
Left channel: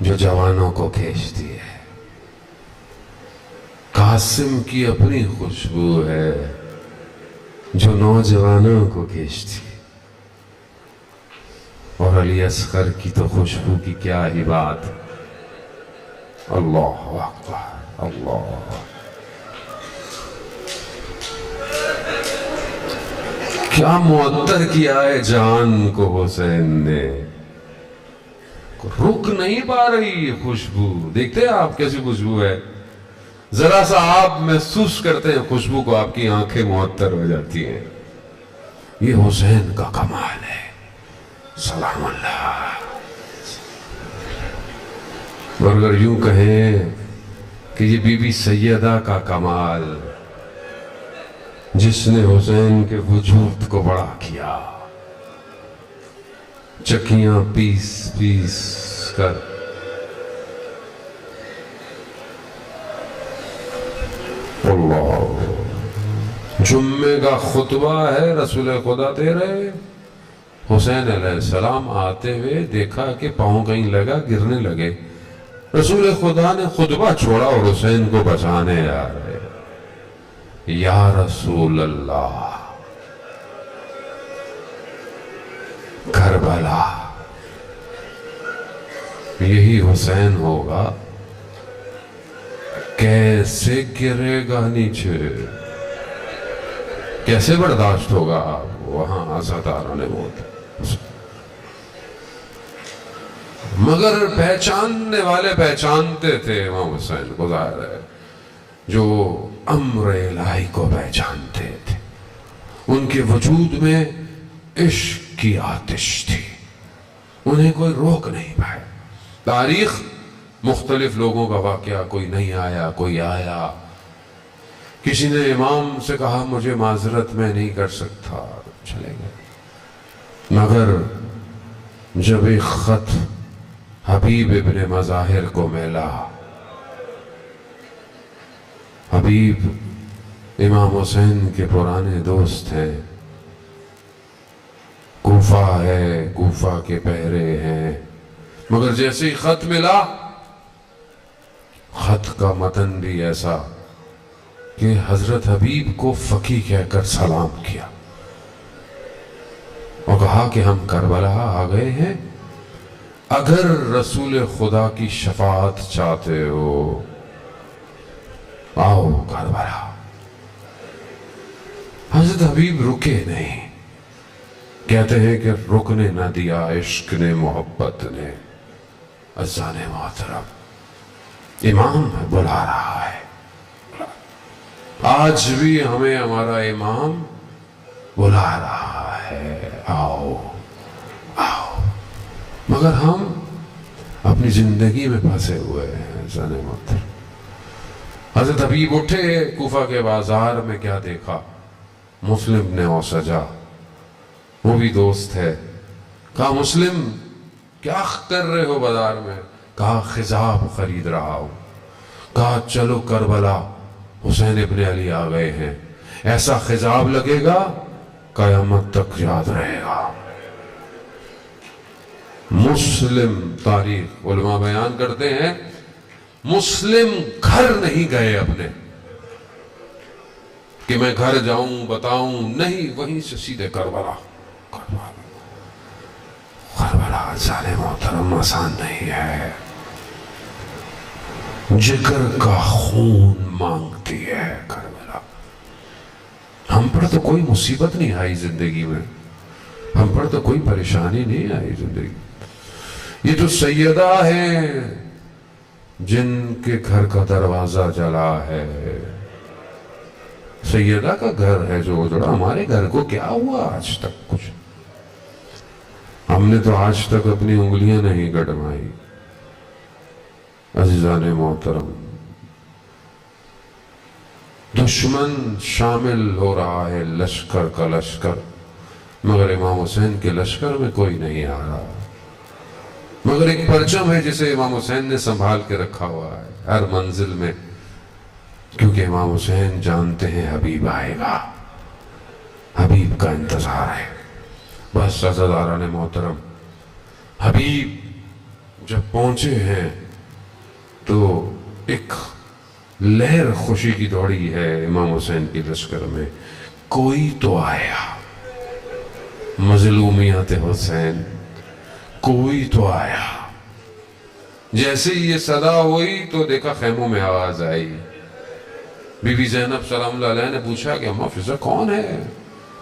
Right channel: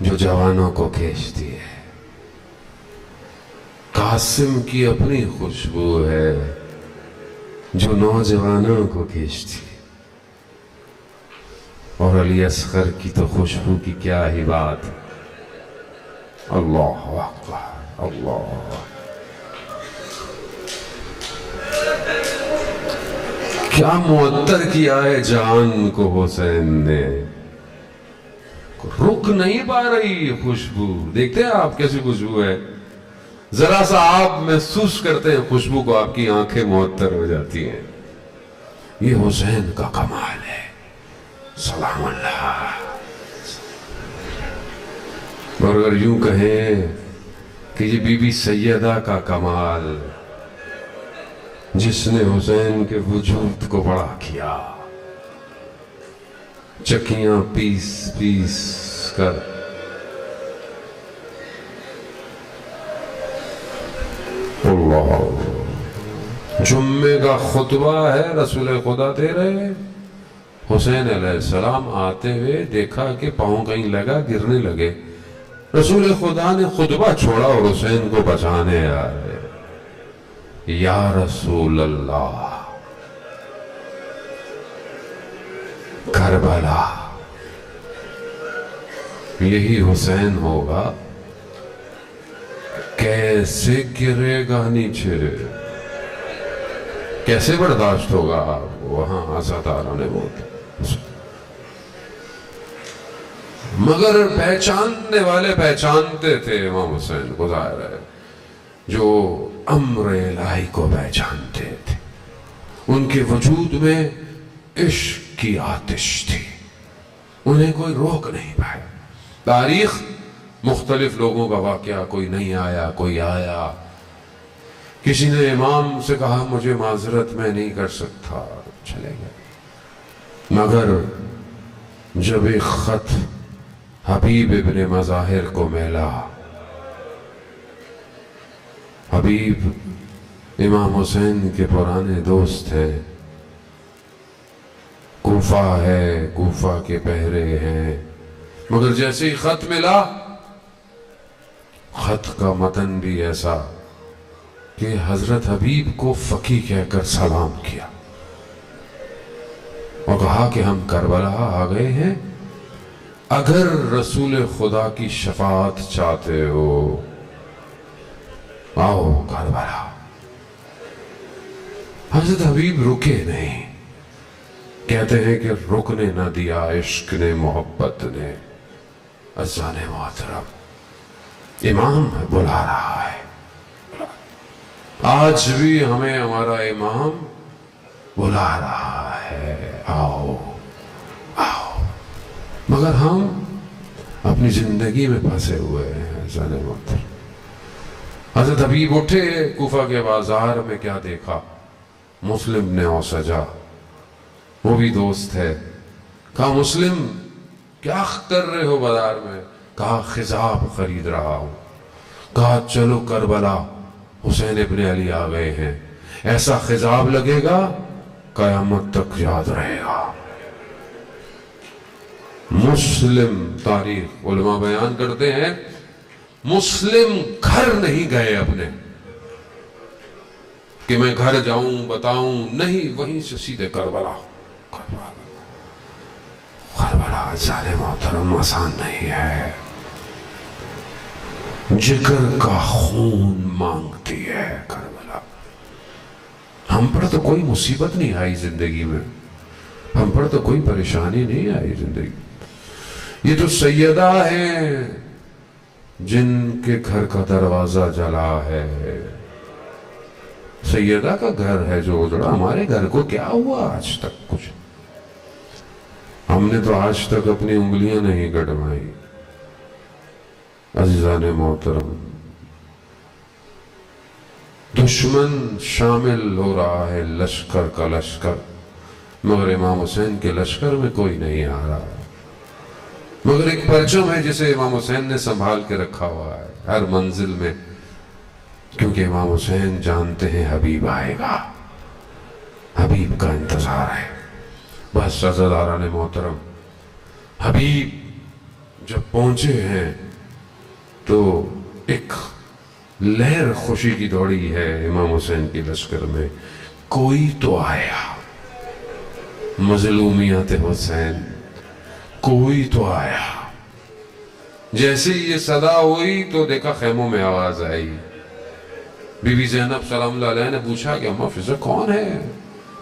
جو جوانوں کو کھینچتی ہے، قاسم کی اپنی خوشبو ہے جو نوجوانوں کو کھینچتی ہے، اور علی اصغر کی تو خوشبو کی کیا ہی بات۔ اللہ اکبر، اللہ، کیا معطر کیا ہے جان کو حسین نے، رک نہیں پا رہی خوشبو۔ دیکھتے ہیں آپ کیسی خوشبو ہے، ذرا سا آپ محسوس کرتے ہیں خوشبو کو، آپ کی آنکھیں معطر ہو جاتی ہیں۔ یہ حسین کا کمال ہے، سلام اللہ۔ اور اگر یوں کہیں کہ یہ بی بی سیدہ کا کمال، جس نے حسین کے وجود کو بڑا کیا، چکیاں پیس پیس کر اللہ۔ جمعے کا خطبہ ہے، رسول خدا دے رہے، حسین علیہ السلام آتے ہوئے دیکھا کہ پاؤں کہیں لگا، گرنے لگے۔ رسول خدا نے خطبہ چھوڑا اور حسین کو بچانے آ رہے۔ یا رسول اللہ، کربلا یہی حسین ہوگا، کیسے گرے گا نیچے، کیسے برداشت ہوگا وہاں عزاداروں نے بولتے۔ مگر پہچاننے والے پہچانتے تھے امام حسین کو، ظاہر ہے جو امر الہی کو پہچانتے تھے، ان کے وجود میں عشق کی آتش تھی، انہیں کوئی روک نہیں پائے۔ تاریخ مختلف لوگوں کا واقعہ، کوئی نہیں آیا، کوئی آیا، کسی نے امام سے کہا مجھے معذرت میں نہیں کر سکتا، چلے گئے۔ مگر جب ایک خط حبیب ابن مظاہر کو میلا. حبیب امام حسین کے پرانے دوست ہیں. کوفہ ہے، کوفہ کے پہرے ہیں، مگر جیسے ہی خط ملا، خط کا متن بھی ایسا کہ حضرت حبیب کو فقی کہہ کر سلام کیا اور کہا کہ ہم کربلا آ گئے ہیں، اگر رسول خدا کی شفاعت چاہتے ہو آؤ کربلا. حضرت حبیب رکے نہیں. کہتے ہیں کہ رکنے نہ دیا عشق نے، محبت نے. عزیزان محترم، امام بلا رہا ہے. آج بھی ہمیں ہمارا امام بلا رہا ہے، آؤ آؤ. مگر ہم اپنی زندگی میں پھنسے ہوئے ہیں. عزیزان محترم، حضرت حبیب اٹھے، کوفہ کے بازار میں کیا دیکھا؟ مسلم نے اوسجا، وہ بھی دوست ہے. کہا مسلم کیا کر رہے ہو بازار میں؟ کہا خضاب خرید رہا ہوں. کہا چلو کربلا، حسین ابن علی آ گئے ہیں، ایسا خضاب لگے گا قیامت تک یاد رہے گا. مسلم، تاریخ علماء بیان کرتے ہیں، مسلم گھر نہیں گئے اپنے کہ میں گھر جاؤں بتاؤں، نہیں، وہیں سے سیدھے کربلا. کربلا عزیزان محترم آسان نہیں ہے. جگر کا خون مانگتی ہے کربلا. ہم پر تو کوئی مصیبت نہیں آئی زندگی میں، ہم پر تو کوئی پریشانی نہیں آئی زندگی. یہ تو سیدہ ہیں جن کے گھر کا دروازہ جلا ہے. سیدہ کا گھر ہے جو اجڑا. ہمارے گھر کو کیا ہوا آج تک؟ کچھ ہم نے تو آج تک اپنی انگلیاں نہیں گڑمائی. عزیزان محترم، دشمن شامل ہو رہا ہے لشکر کا لشکر، مگر امام حسین کے لشکر میں کوئی نہیں آ رہا. مگر ایک پرچم ہے جسے امام حسین نے سنبھال کے رکھا ہوا ہے ہر منزل میں، کیونکہ امام حسین جانتے ہیں حبیب آئے گا، حبیب کا انتظار ہے. بس عزیزان محترم، حبیب جب پہنچے ہیں تو ایک لہر خوشی کی دوڑی ہے امام حسین کی لشکر میں. کوئی تو آیا، مظلومیت حسین، کوئی تو آیا. جیسے یہ صدا ہوئی تو دیکھا خیموں میں آواز آئی. بی بی زینب سلام اللہ علیہ نے پوچھا کہ اماں فضہ کون ہے،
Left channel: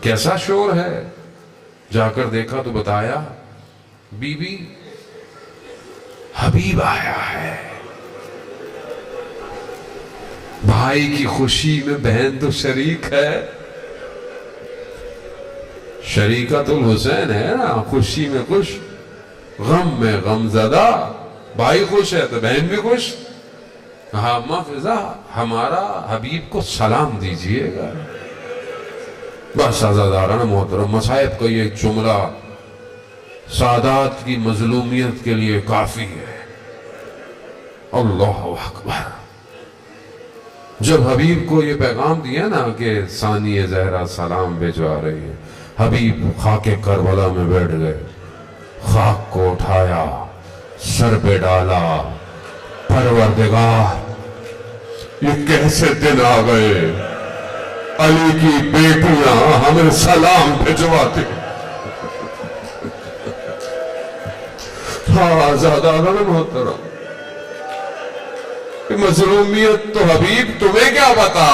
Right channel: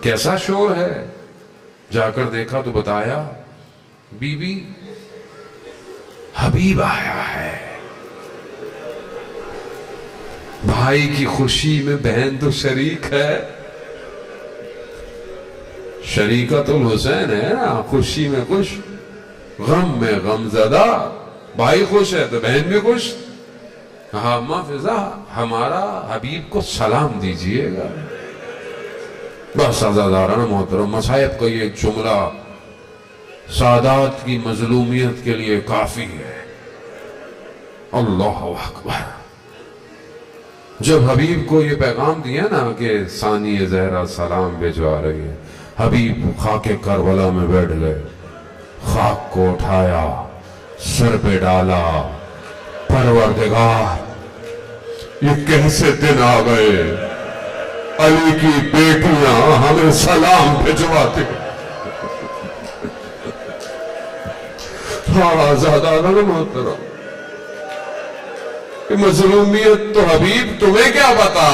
کیسا شور ہے؟ جا کر دیکھا تو بتایا بی بی حبیب آیا ہے. بھائی کی خوشی میں بہن تو شریک ہے، شریکت الحسین ہے نا. خوشی میں خوش، غم میں غم زدہ. بھائی خوش ہے تو بہن بھی خوش. کہا اماں فضہ ہمارا حبیب کو سلام دیجئے گا. بس عزیزان محترم، مصائب کا یہ جملہ سادات کی مظلومیت کے لیے کافی ہے. اللہ اکبر. جب حبیب کو یہ پیغام دیا نا کہ ثانی زہرا سلام بھجوا رہی ہے، حبیب خاک کربلا میں بیٹھ گئے. خاک کو اٹھایا، سر پہ ڈالا. پروردگار یہ کیسے دن آ گئے، علی کی بیٹیاں ہمیں سلام بھجواتے. ہاں زادہ محترم، مظلومیت تو حبیب تمہیں کیا پتا،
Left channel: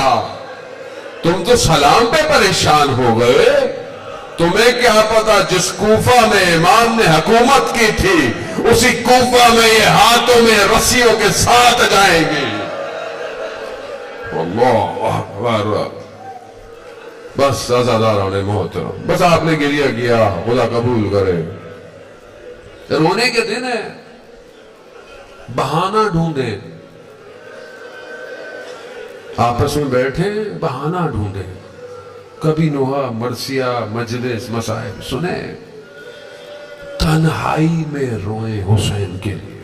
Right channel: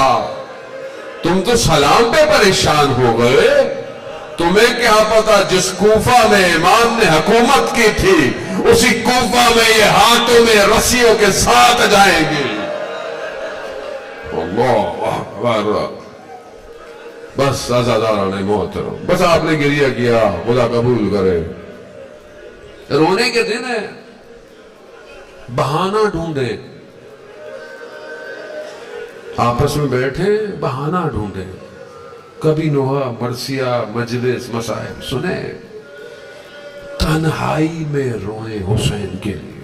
تم تو سلام پہ پریشان ہو گئے. تمہیں کیا پتا جس کوفہ میں امام نے حکومت کی تھی اسی کوفہ میں یہ ہاتھوں میں رسیوں کے ساتھ جائیں گی. اللہ اکبر. بس عزیزان محترم، بس آپ نے گریہ کیا، خدا قبول کرے. رونے کے دن ہے، بہانہ ڈھونڈیں. آپس میں بیٹھیں، بہانہ ڈھونڈیں. کبھی نوحہ، مرثیہ، مجلس، مصائب سنیں، تنہائی میں روئیں حسین کے لیے.